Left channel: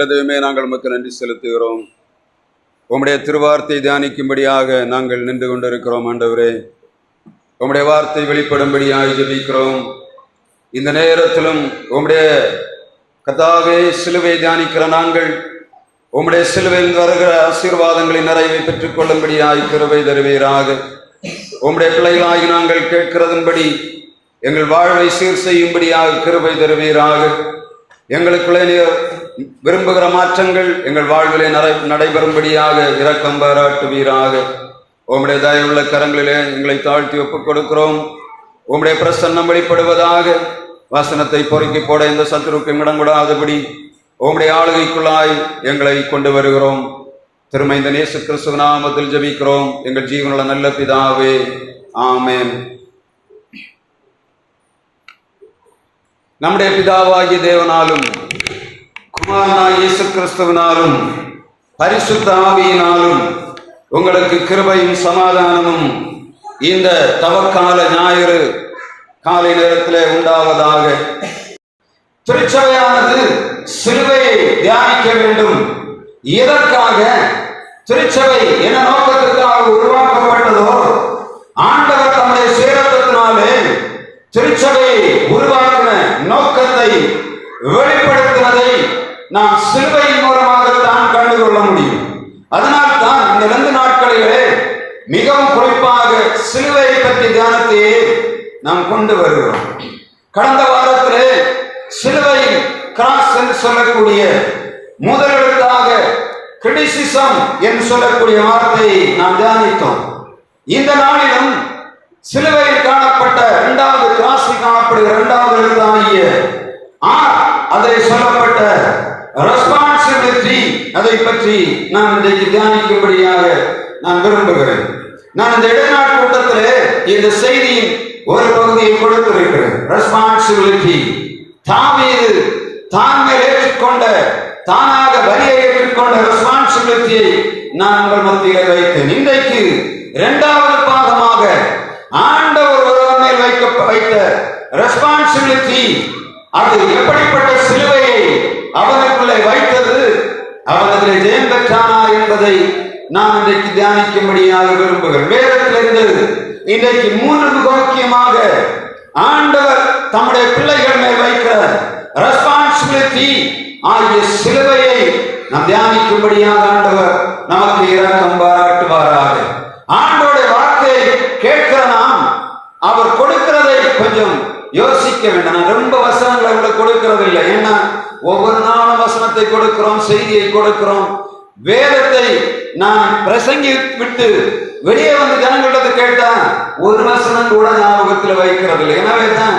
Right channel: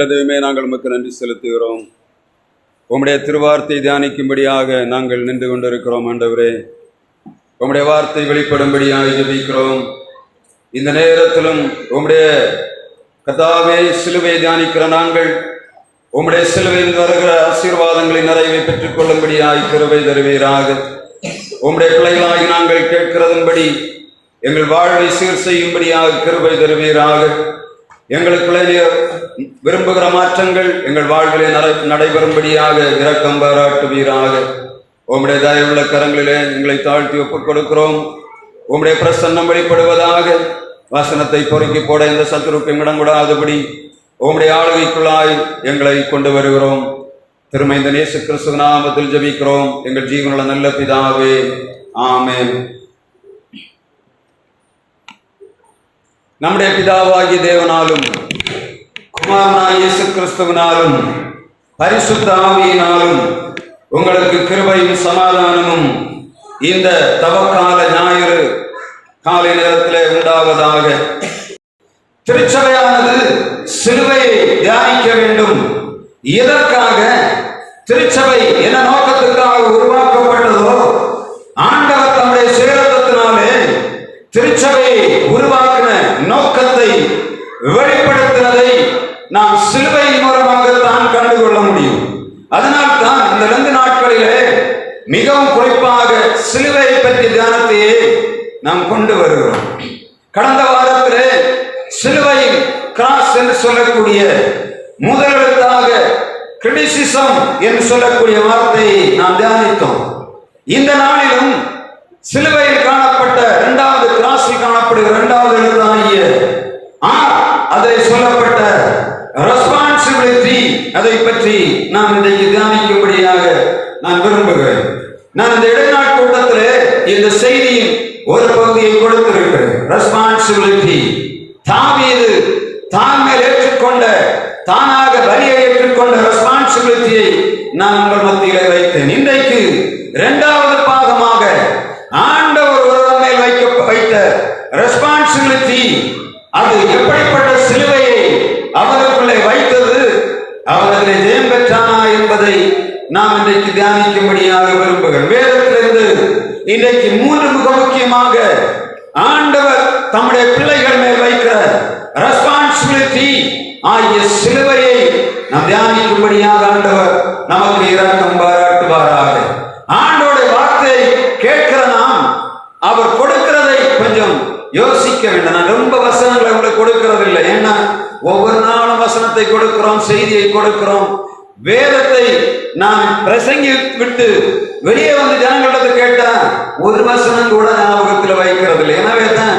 நல்ல தெய்வமே, நாங்கள் உமக்கு நன்றி செலுத்துகிறோம். உம்முடைய திருவார்த்தை தியானிக்கும்படியாக நாங்கள் நின்று கொண்டிருக்கிறோம். ஆண்டவரே, உம்முடைய வார்த்தை வெளிப்படும்படியாக ஜெபிக்கிறோம். இந்த நேரத்திலும் உம்முடைய கர்த்தாவே சிலுவை தியானிக்கிற நாங்கள் உம்முடைய சிலுவையில் வருகிற ஆசீர்வாதங்களின் நிறைவை பெற்றுக் கொள்ளும்படியாய் கிருபை தருவீராக. உம்முடைய பிள்ளைகளாகி நாங்கள் கேட்கிறதன்படி எங்கள் வாழ்வை சீர் செய்யும்படியாக கிருபை தருவீராக. எங்களுக்குள்ளே விரும்புகிற மாற்றங்கள் எங்கள் வாழ்விலே நடைபெறும்படியாக இரக்கம் பாராட்டுவீராக. உம்முடைய தயவுள்ள கரங்களிலே எங்களை தாழ்த்தி ஒப்புக் கொடுக்கிறோம். உம்முடைய பிரசன்னம் வெளிப்படுவதாக. வசனத்தை பொறுக்கி போட இந்த சத்துருக்கு இடம் கூடாதபடி உம்முடைய ஆளுகைக்குள்ளாய் எங்களை கொண்டு வருகிறோம். திருமைந்த இயேசு கிறிஸ்துவ நாமத்தில் ஜெபிக்கிறோம் எங்கள் ஜீவனுள்ள நல்ல பிதாவே, ஆமென். நம்முடைய பிதாவாகிய தேவனாலும் குமாரனாய் இயேசு கிறிஸ்துவினாலும் பரிசுத்த ஆவியினாலும் உங்களுக்கு கிருபையும் சமாதானமும் இந்த தவக்கால ஞாயிறு காலை நேரத்தில் உண்டாவதாக. திருச்சபையானது சிலுவையை தியானிக்க வேண்டும். எதற்காக திருச்சபை என்ன நோக்கத்துக்காக உருவாக்கப்பட்டதோ, ஆண்டவர் தம்முடைய சுயரத்தத்தினாலே திருச்சபையை உருவாக்கின நோக்கத்தை வெளிப்படுத்துவதை நாம் சிலுவையின் மூலமாகத்தான் கண்டுகொள்ள முடியும். அதனால் தான் இந்த 2 நாட்களிலே மிகவும் குறிப்பாக சிலுவையை பற்றிய தியானத்தையே நாம் கொண்டு வருகிறோம். கடந்த வாரத்திலே சிலுவையில் கிராஸ் என்று சொல்லக்கூடிய முதலெழுத்தாக கிரிட்டிசிசம் என்று சொல்லக்கூடிய வார்த்தையை நாம் தியானித்தோம். இந்த நாளிலும் சிலுவையில் காணப்பட்ட 2வது கிராஸில் காணப்படுகிற 2வது எழுத்தாகிய அதில் சொல்லப்பட்ட ரெஸ்பான்சிபிலிட்டி, அதை பற்றி நான் இன்றைக்கு தியானிக்கும்படியாக நான் விரும்புகிறேன். நான் இந்த இடைநாட்டு கூட்டத்திலே இந்த செய்தியின் ஒரு பகுதியை கொடுத்திருக்கிறேன். ரெஸ்பான்சிபிலிட்டி. தாவீது தான் மேல் ஏற்றுக்கொண்ட, தானாக பலியை ஏற்றுக்கொண்ட ரெஸ்பான்சிபிலிட்டியை நான் உங்கள் மத்தியிலே வைத்தேன். இன்றைக்கு 2வது பாகமாக ஆண்டவர் ஒருவர் மேல் வைத்த ரெஸ்பான்சிபிலிட்டி, அது எப்படிப்பட்ட சிலுவையை அவனுக்குள்ளே வைத்தது, அவன் அதில் ஜெயம் பெற்றானா என்பதை நாம் இன்றைக்கு தியானிக்கும்படியாக விரும்புகிறேன். வேதத்திலிருந்து இன்றைக்கு 3 மிக முக்கியமாக ஆண்டவர் தம்முடைய பிள்ளைகள் மேல் வைக்கிற ரெஸ்பான்சிபிலிட்டி ஆகிய சிலுவையை நாம் தியானிக்கும்படியாக ஆண்டவர் நமக்கு இரக்கம் பாராட்டுவாராக. ஆண்டவருடைய வார்த்தையை கேட்கிற நாம் அவர் கொடுக்கிறதை கொஞ்சம் யோசிக்க வேண்டும். நான் ரொம்ப வசனங்களை உங்களுக்கு கொடுக்கிறது இல்லை. ஏன்னா ஒவ்வொரு நாளும் வசனத்தை கொடுக்கிறோம், செய்தியை கொடுக்கிறோம். வேதத்தை நான் பிரசங்கி விட்டு வெளியே வந்து ஜனங்களிடத்தை கேட்டா ஒரு வசனம் கூட ஞாபகத்தில் வைக்கிறது இல்லை. எனவே தான்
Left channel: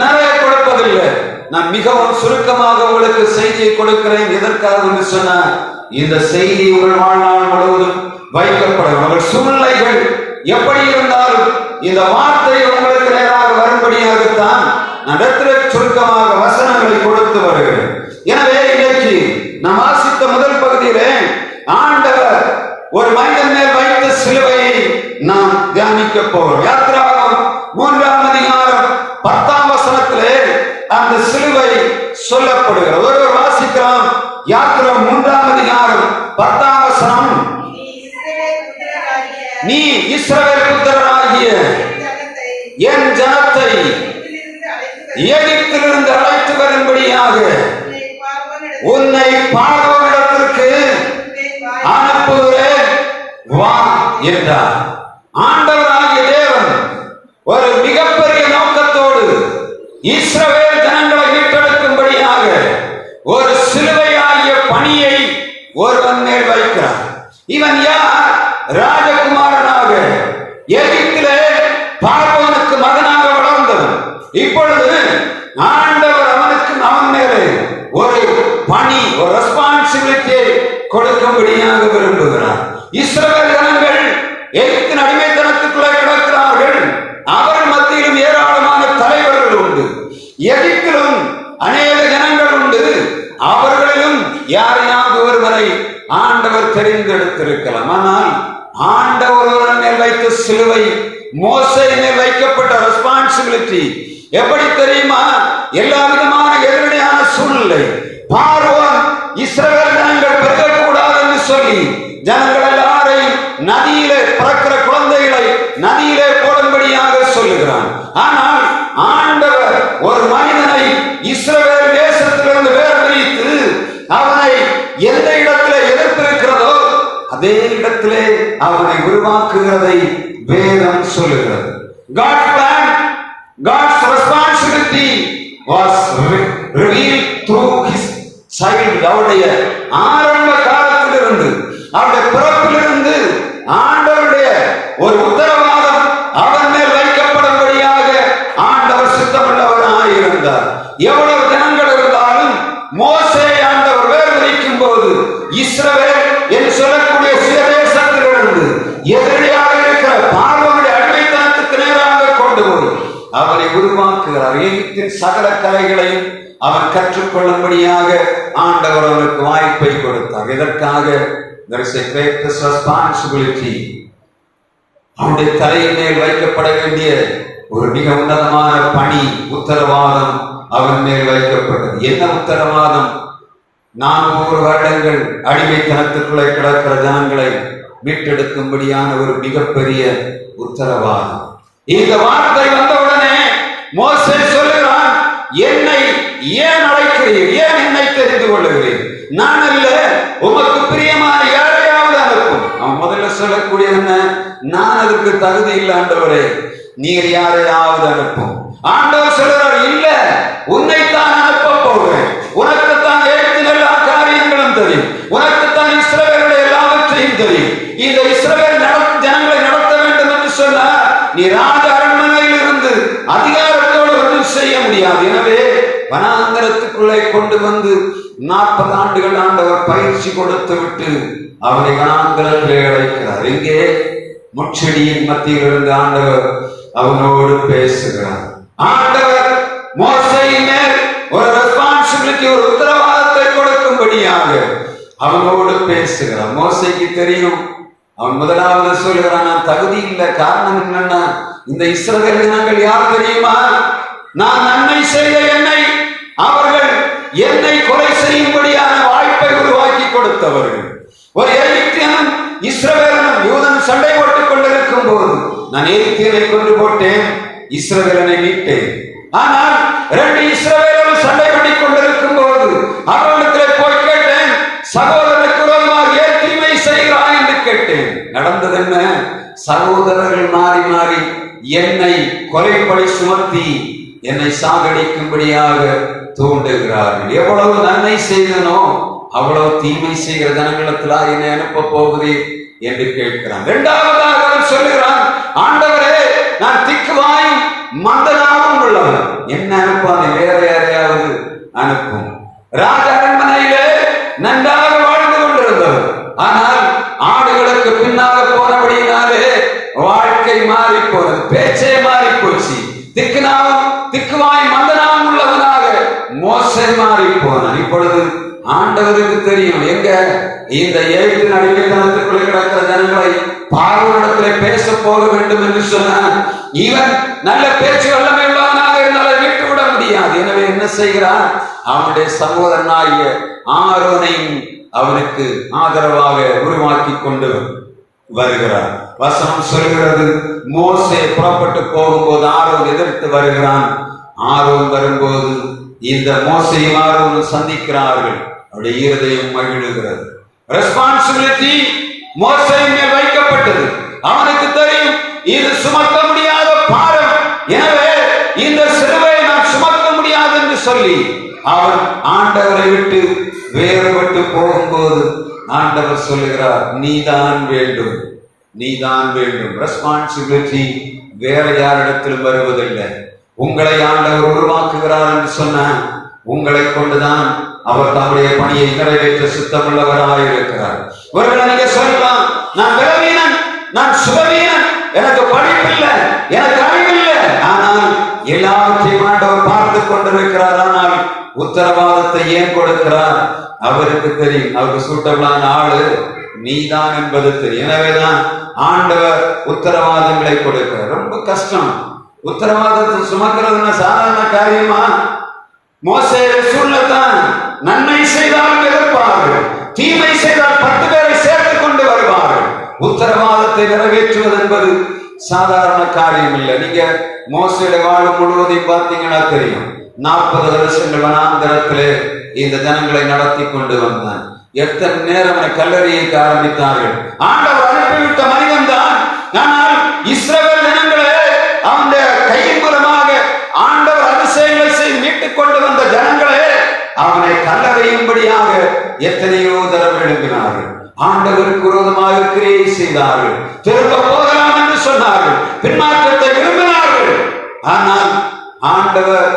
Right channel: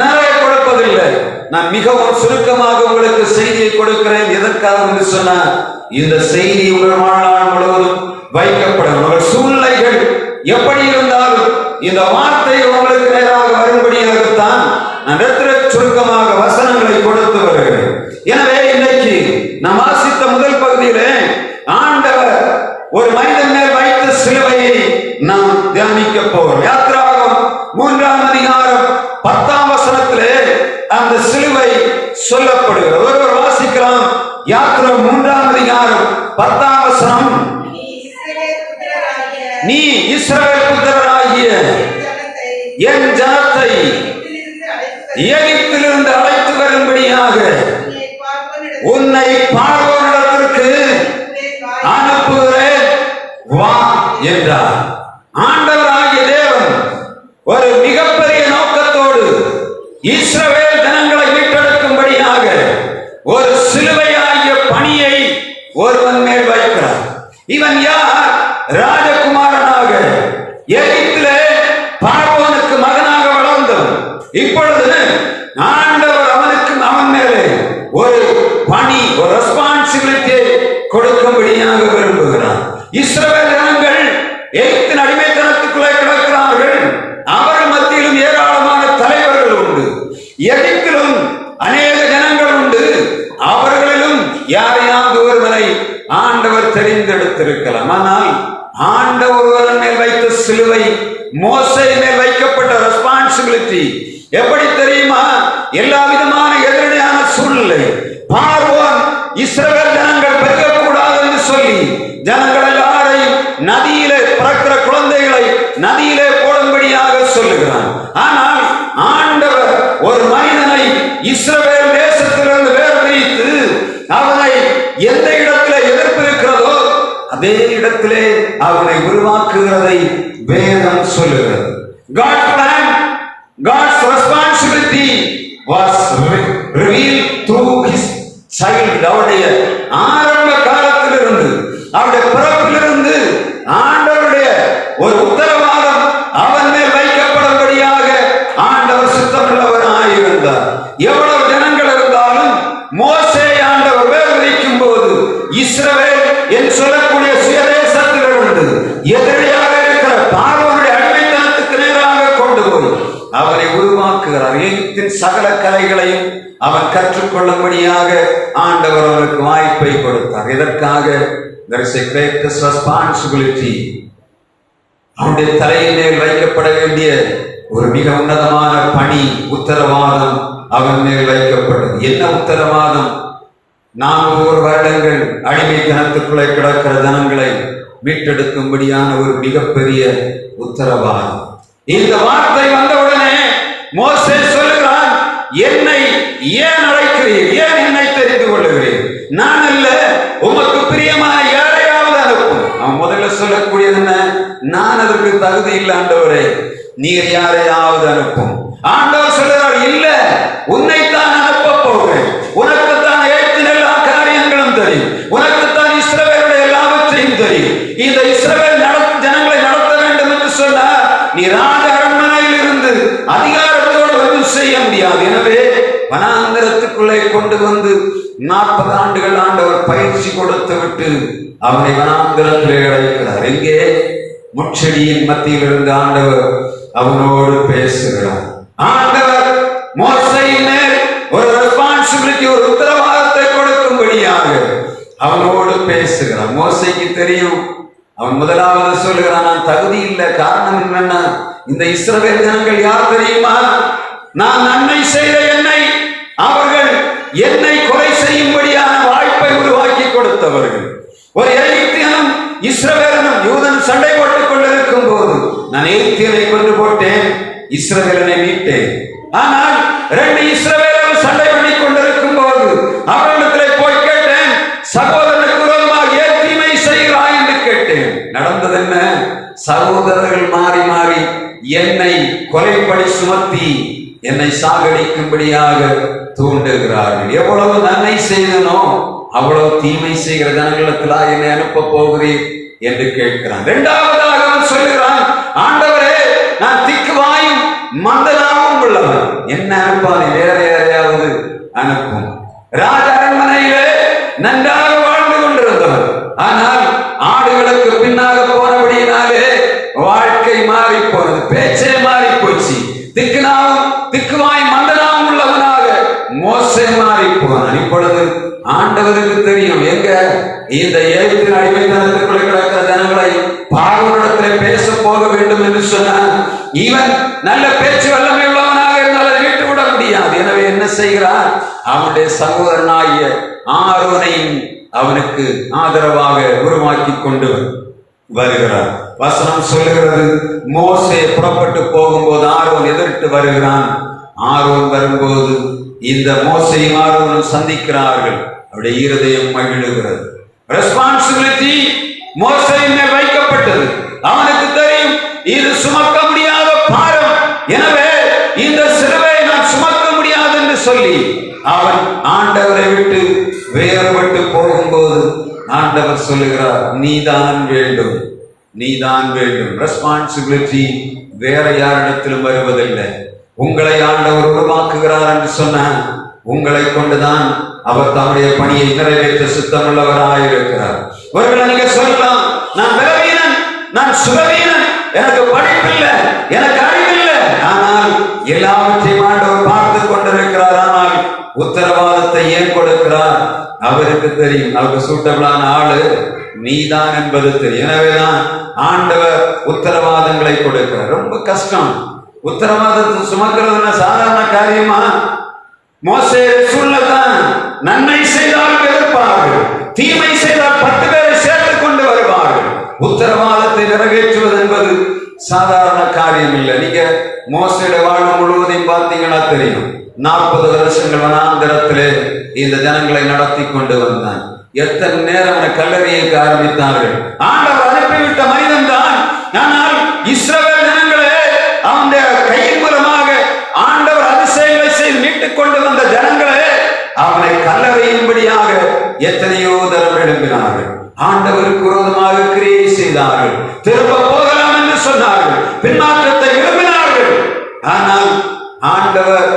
நிறைய கொடுப்பதில்லை. நான் மிகவும் சுருக்கமாக உங்களுக்கு செய்தியை கொடுக்கிறேன். எதற்காக என்று சொன்ன இந்த செய்தி உங்கள் வாழ்நாள் முழுவதும் வைக்கப்படும். உங்கள் சூழ்நிலைகள் எப்படி இருந்தாலும் இந்த வார்த்தை உங்களுக்கு நேராக வரும்படியாகத்தான் நான் சுருக்கமாக வசனங்களை கொடுத்து வருகிறேன். எனவே இன்றைக்கு நாம் வாசித்த முதல் பகுதியிலே ஆண்டவர் ஒரு மனிதன் மேல் வைத்த சிலுவையை நாம் தியானிக்க போகிறோம். யாத்திராகமம் 3ஆம் அதிகாரம் 10ஆம் வசனத்திலே அந்த சிலுவை சொல்லப்படுகிறது. ஒருவர் வாசிக்கலாம். யாத்திராகமம் 3ஆம் அதிகாரம் 10ஆம் வசனம். நீ இஸ்ரவேல் புத்திரராகிய என் ஜனத்தை எகிப்திலிருந்து அழைத்து வரும்படியாக உன்னை பார்வோனிடத்திற்கு அனுப்புகிறேன், வா என்றார். ஆண்டவராகிய தேவன் ஒரு மிகப்பெரிய நோக்கத்தோடு இஸ்ரவேல் ஜனங்களை மீட்டெடுக்கும்படியாக ஒரு சிலுவையாகிய பணியை ஒருவன் மேல் வைக்கிறார். இவன் யார்? ராஜகுமாரனாக எகிப்திலே பார்வோனுக்கு மகனாக வளர்ந்தவன். இப்பொழுது ஆண்டவர் அவன் மேலே ஒரு பணி, ஒரு ரெஸ்பான்சிபிலிட்டியை கொடுக்கும்படியாக விரும்புகிறார். இஸ்ரவேல் ஜனங்கள் எகிப்தின் அடிமைத்தனத்துக்குள்ளே கிடக்கிறார்கள். அவர்கள் மத்தியிலும் ஏராளமான தலைவர்கள் உண்டு. எகிப்திலும் அநேக ஜனங்கள் உண்டு. அவர்களிலும் யாரையாவது ஒருவரை ஆண்டவர் தெரிந்தெடுத்திருக்கலாம். ஆனால் ஆண்டவர் மேல் வைத்த சிலுவை, மோசே மேல் வைக்கப்பட்ட ரெஸ்பான்சிபிலிட்டி எப்படி தெரியுமா? எல்லா விதமான எதிரடையான சூழ்நிலை, பார்வோன் இஸ்ரவேல் ஜனங்கள் பெருகக்கூடாது என்று சொல்லி ஜனங்கள் எல்லாரையும் நதியிலே பிறக்கிற குழந்தைகளை நதியிலே போடும்படியாக சொல்லுகிறான். ஆனால் ஆண்டவர் ஒரு மனிதனை இஸ்ரவேல் தேசத்திலிருந்து வேர்பிரித்து அவனை எந்த இடத்திலே எதிர்ப்பு இருக்கிறதோ அதே இடத்திலே அவனை உருவாக்குகிறதை வேதம் சொல்லுகிறது. God's plan, God's responsibility was revealed through his child. அவருடைய ஆரம்ப காலத்திலிருந்து அவருடைய பிறப்பிலிருந்து ஆண்டவருடைய ஒரு உத்தரவாதம் அவன் மேல் வைக்கப்படும்படியாக ஆண்டவர் சித்தமுள்ளவராயிருந்தார். எவ்வளவு ஜனங்கள் இருந்தாலும் மோசே ஆண்டவர் வேறு வைக்கும் போது இஸ்ரவேல் என்று சொல்லக்கூடிய சுயதேசத்திலிருந்து எதிரியாக இருக்கிற பார்வோனுடைய அடிமைத்தனத்துக்கு நேராக கொண்டு போய் அவனை உருவாக்குகிறார். எகிப்தின் சகல கலைகளையும் அவன் கற்றுக்கொள்ளும்படியாக ஆண்டவர் அவனுக்கு வாய்ப்பை கொடுத்தார். இதற்காக there is a greatest responsibility. அவனுடைய தலையின் மேல் வைக்கப்பட வேண்டிய ஒரு மிக உன்னதமான பணி, உத்தரவாதம் அவன் மேல் வைக்கப்பட்டது. என்ன உத்தரவாதம்? 400 வருடங்கள் அடிமைத்தனத்துக்குள்ளே கிடக்கிற ஜனங்களை மீட்டெடுக்கும்படியான ஒரு மிகப்பெரிய உத்தரவாதம். இந்த வார்த்தை வந்தவுடனே மோசே சொல்லுகிறான், என்னை ஏன் அழைக்கிறீர்? ஏன் என்னை தெரிந்து கொள்ளுகிறீர்? நான் அல்ல, உமக்கு பிரியமான யாரையாவது அனுப்பும். அவன் முதல்ல சொல்லக்கூடிய என்ன? நான் அதற்கு தகுதி இல்லை ஆண்டவரே, நீர் யாரையாவது அனுப்பும். ஆண்டவர் சொல்றார், இல்ல, உன்னைத்தான் அனுப்ப போகிறேன். உனக்குத்தான் ஏற்றின எல்லா காரியங்களும் தெரியும், உனக்குத்தான் இஸ்ரவேலுடைய எல்லாவற்றையும் தெரியும். இந்த இஸ்ரவேல் ஜனங்களை நடத்த வேண்டும் என்று சொன்னார், நீ ராஜ அரண்மனையில் இருந்து அதிகாரத்தோடு ஒன்றும் செய்ய முடியாது. எனவே வனாந்தரத்துக்குள்ளே கொண்டு வந்து 40 ஆண்டுகள் ஆண்டவர் பயிற்சி கொடுத்து விட்டு அவனை வனாந்தரத்திலே அழைக்கிறார். எங்கே? முட்செடியின் மத்தியில் இருந்து ஆண்டவர் அவனோடு பேசுகிறார். ஆண்டவர் மோசேயின் மேல் ஒரு ரெஸ்பான்சிபிலிட்டி, ஒரு உத்தரவாதத்தை கொடுக்கும்படியாக அவனோடு பேசுகிறார். மோசேக்கு தெரியும். அவன் முதலாவது சொல்லுகிறான், நான் தகுதி இல்லை. காரணம் என்னன்னா, இந்த இஸ்ரவேல் ஜனங்கள் யார் தெரியுமா? நான் நன்மை செய்த அவர்கள் என்னை கொலை செய்யும்படியான வாய்ப்பை உருவாக்கி கொடுத்தவர்கள். ஒரு எகிப்தியனும் இஸ்ரவேலனும் யூதன் சண்டை போட்டுக் கொண்டிருக்கும் போது நான் எகிப்தியனை கொண்டு போட்டேன், இஸ்ரவேலனை மீட்டேன். ஆனால் 2 இஸ்ரவேலர்கள் சண்டை பண்ணிக் கொண்டிருக்கும் போது அவர்களுக்கு போய் கேட்டேன், சகோதரனுக்கு விரோதமாக ஏன் தீமை செய்கிறாய் என்று கேட்டேன். நடந்தது என்ன? சகோதரர்கள் மாறி மாறி என்னை கொலைப்படி சுமத்தி என்னை சாகடிக்கும்படியாக தூண்டுகிறார்கள். எவ்வளவு நன்மை செய்தனோ அவ்வளவு தீமை செய்கிற ஜனங்களிடத்திலா என்னை அனுப்ப போகிறீர் என்று கேட்கிறான். 2வதாக அவன் சொல்லுகிறான், ஆண்டவரே, நான் திக்குவாயும் மந்தனாகவும் உள்ளவன், என்ன அனுப்பான்? வேற யாரையாவது அனுப்பும். ராஜ அரண்மனையிலே நன்றாக வாழ்ந்து கொண்டிருந்தவர். ஆனால் ஆடுகளுக்கு பின்னாக போனபடியினாலே வாழ்க்கை மாறி போனது, பேச்சே மாறி போச்சு. திக்குவாய் மந்தனாவும் உள்ளவனாக மோசே மாறி போனான். இப்பொழுது ஆண்டவருக்கு தெரியும், எங்க இந்த எகிப்தின் அடிமைத்தனத்துக்குள்ளே கிடக்கிற ஜனங்களை பார்வோனிடத்திலே பேச போக வேண்டும் என்று சொன்னான். இவன் நல்ல பேச்சு வல்லமை உள்ளவனாக இருந்தால் அதை விட்டு விட முடியாது. எனவே என்ன செய்கிறான்? அவனுடைய சகோதரனாகிய ஆரோனையும் அவனுக்கு ஆதரவாக உருவாக்கி கொண்டு வருகிறார். வசனம் சொல்கிறது, மோசே புறப்பட்டு போகும்போது ஆரோன் எதிர்த்து வருகிறான். ஆரோன் வரும்போது இந்த மோசையும் ஆரோனும் சந்திக்கிறார்கள். அவருடைய இருதயம் மகிழுகிறது. ரெஸ்பான்சிபிலிட்டி மோசையின் மேல் வைக்கப்பட்டது. அவனுக்கு தெரியும், இது சுமக்க முடியாத பாரம், எனவே இந்த சிலுவையை நான் சுமக்க முடியாது என்று சொல்லி அவன் ஆண்டவரை விட்டு வேறுபட்டு போகும்போது ஆண்டவர் சொல்லுகிறார், நீதான் வேண்டும், நீதான் வேண்டும். ரெஸ்பான்சிபிலிட்டி வேற யாரிடத்திலும் வருவதில்லை. உங்களை ஆண்டவர் உருவாக்குகிறார் என்று சொன்ன உங்களை கொண்டுதான் அவர் தம்முடைய பணியை நிறைவேற்ற சித்தமுள்ளவராயிருக்கிறார். ஒருவேளை நீங்க சொல்லலாம், நான் பலவீனன், நான் சுகவீனன், எனக்கு படிப்பில்லை, எனக்கு அறிவில்லை. ஆனால் எல்லாவற்றையும் ஆண்டவர் பார்த்து கொண்டிருக்கிறார். ஆனால் உத்தரவாதத்தை ஏன் கொடுக்கிறார்? அவருக்கு தெரியும், அவருக்கு சூட்டபிளான ஆளு நீதான் என்பது தெரியும். எனவேதான் ஆண்டவர் உத்தரவாதங்களை கொடுக்கிறார். ரொம்ப கஷ்டம். உத்தரவாதத்தை சுமக்கிறதுன்னா சாதாரண காரியமா? மோசே சூழ்நிலைதான் நன்மை செய்தாலும் எதிர்பார்க்க இருப்பார்கள். தீமை செய்தால் 10 பேரை சேர்த்துக் கொண்டு வருவார்கள். உத்தரவாதத்தை நிறைவேற்றுவது என்பது சாதாரண காரியம் இல்லை. நீங்க மோசேயுடைய வாழ்வு முழுவதையும் பார்த்தீங்கன்னா தெரியும். 40 வருஷங்கள் வனாந்தரத்திலே இந்த ஜனங்களை நடத்தி கொண்டு வந்தான். எத்தனை நேரம் கல்லறியைக்கு ஆரம்பித்தார்கள். ஆண்டவர் அனுப்பிவிட்ட மனிதன் தான். ஆனால் இஸ்ரவேல் ஜனங்களே அவனுடைய கையின் மூலமாக ஆண்டவர் அதிசயங்களை செய்து மீட்டுக் கொண்டு வந்த ஜனங்களே அவனை கல்லறையும்படியாக எத்தனையோ தரம் எழுப்பினார்கள். ஆண்டவருக்கு விரோதமாக கிரியை செய்தார்கள். திரும்ப போகலாம் என்று சொன்னார்கள். பின்மாற்றத்தை விரும்பினார்கள். ஆனால் ஆண்டவர்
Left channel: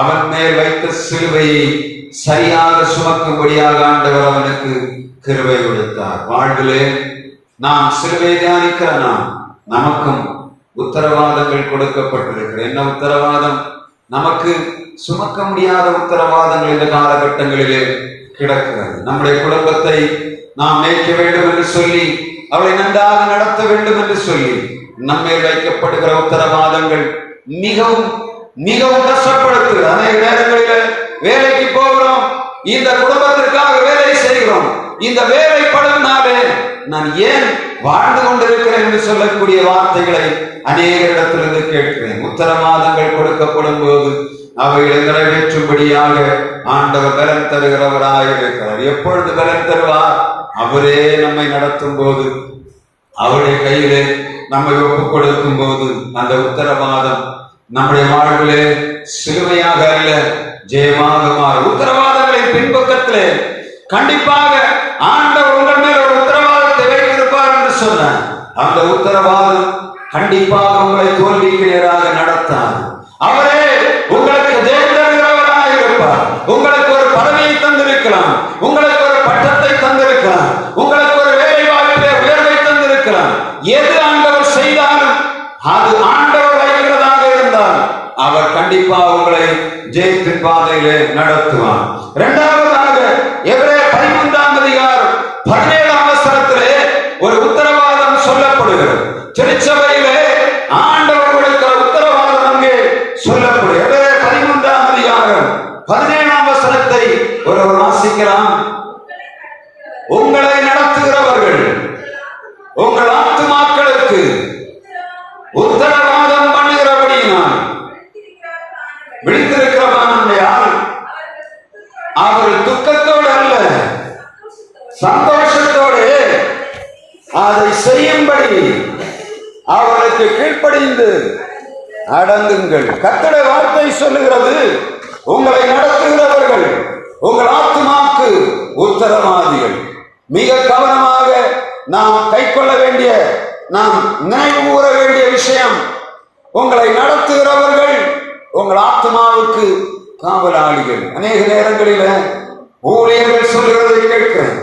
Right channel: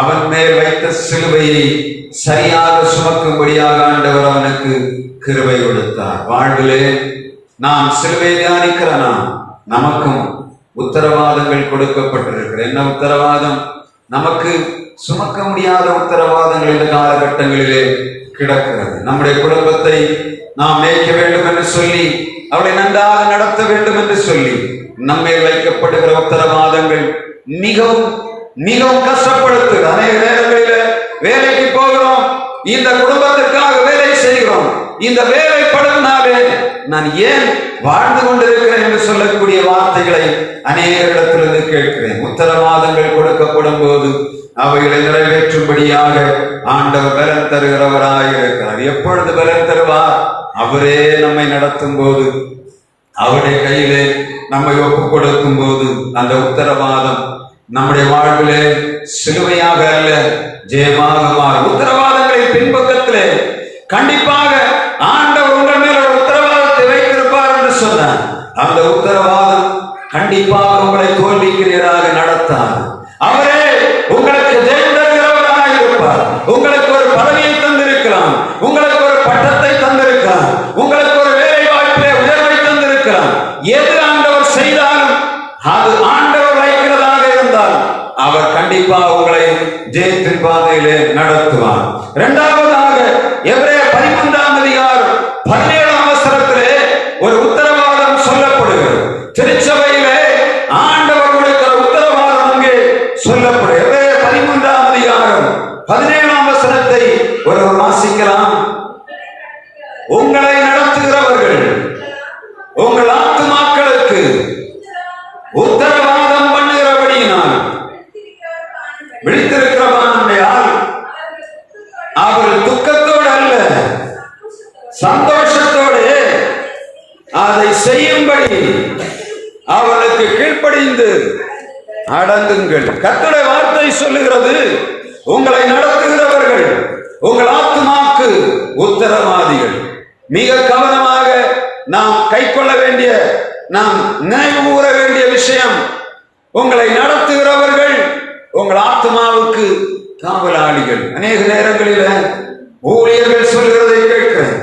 அவன் மேல் வைத்த சிலுவையை சரியாக சுமக்கும்படியாக ஆண்டவர் அவனுக்கு கிருபை கொடுத்தார். வாழ்விலே நாம் சிலுவை தியானிக்கிற நமக்கும் உத்தரவாதங்கள் கொடுக்கப்பட்டிருக்கிற. என்ன உத்தரவாதம்? நமக்கு சுமக்க முடியாத உத்தரவாதங்கள் இந்த காலகட்டங்களிலே கிடக்கிறது. நம்முடைய குடும்பத்தை நாம் மேய்க்க வேண்டும் என்று சொல்லி, அவளை நன்றாக நடத்த வேண்டும் என்று சொல்லி நம்மேல் வைக்கப்படுகிற உத்தரவாதங்கள் மிகவும் மிகவும் கஷ்டப்படுத்து. அநேக நேரங்களில் வேலைக்கு போகிறோம், இந்த குடும்பத்திற்காக வேலை செய்கிறோம். இந்த வேலை படுவதனாலே நான் ஏன் வாழ்ந்து கொண்டிருக்கிறேன் என்று சொல்லக்கூடிய வார்த்தைகளை அநேக இடத்திலிருந்து கேட்கிறேன். உத்தரவாதங்கள் கொடுக்கப்படும் போது அவைகளை நிறைவேற்றும்படியாக ஆண்டவர் பலன் தருகிறவராக இருக்கிறார். எப்பொழுது பலன் தருவார்? அவரே நம்மை நடத்தும் போது, அவருடைய கையிலே நம்மை ஒப்புக் கொடுக்கும் போது அந்த உத்தரவாதம் நம்முடைய வாழ்விலே சிலுவையாக அல்ல, ஜெயமாக மாறும். உத்தரவாதங்களின் பின்பக்கத்திலே கண்டிப்பாக ஆண்டவர் உங்கள் மேல ஒரு உத்தரவாதத்தை வைத்திருப்பார் என்று சொன்னார். அந்த உத்தரவாதம் கண்டிப்பாக உங்களை தோல்விக்கு நேராக நடத்தாது. அவரே உங்களுக்கு ஜெயம் தருகிறவராக இருப்பார். உங்களுக்கு ஒரு பதவியை தந்திருக்கலாம், உங்களுக்கு ஒரு பட்டத்தை தந்திருக்கலாம், உங்களுக்கு ஒரு வேலை வாய்ப்பிலே உயர்வை தந்திருக்கலாம். எது ஆண்டவர் செய்தாலும் அது ஆண்டவர் வைக்கிறதாக இருந்தால் அவர் கண்டிப்பாக உங்களை ஜெயத்தின் பாதையிலே நடத்துவார். இரண்டாவதாக எபிரேயர் 13ஆம் அதிகாரம் 17ஆம் வசனத்திலே ஒரு உத்தரவாதம் சொல்லப்படுகிறது. திருச்சபையிலே ஆண்டவர் கொடுக்கிற உத்தரவாதம் அங்கே சொல்லப்படுகிறது. எபிரேயர் 13ஆம் அதிகாரம் 17ஆம் வசனத்தை ஒரு வாசிக்கலாம். உங்களை நடத்துகிறவர்கள் உங்கள் ஆத்துமாக்களுக்கு உத்தரவாதம் பண்ணுகிறபடியினால் விழித்திருக்கிறவனால் அவர்கள் துக்கத்தோடு அல்ல சந்தோஷத்தோடு அதை செய்யும்படி அவர்களுக்கு கீழ்ப்படிந்து அடங்குங்கள். கர்த்தருடைய வார்த்தை சொல்லுகிறது, உங்களை நடத்துகிறவர்கள் உங்கள் ஆத்துமாக்கு உத்தரவாதிகள். மிக கவனமாக நாம் கை கொள்ள வேண்டிய, நாம் நினைவு கூற வேண்டிய விஷயம், உங்களை நடத்துகிறவர்கள் உங்கள் ஆத்மாவுக்கு காவலாளிகள். அநேக நேரங்களில் ஊழியர்கள் சொல்லுகிறதை கேட்கிறேன்.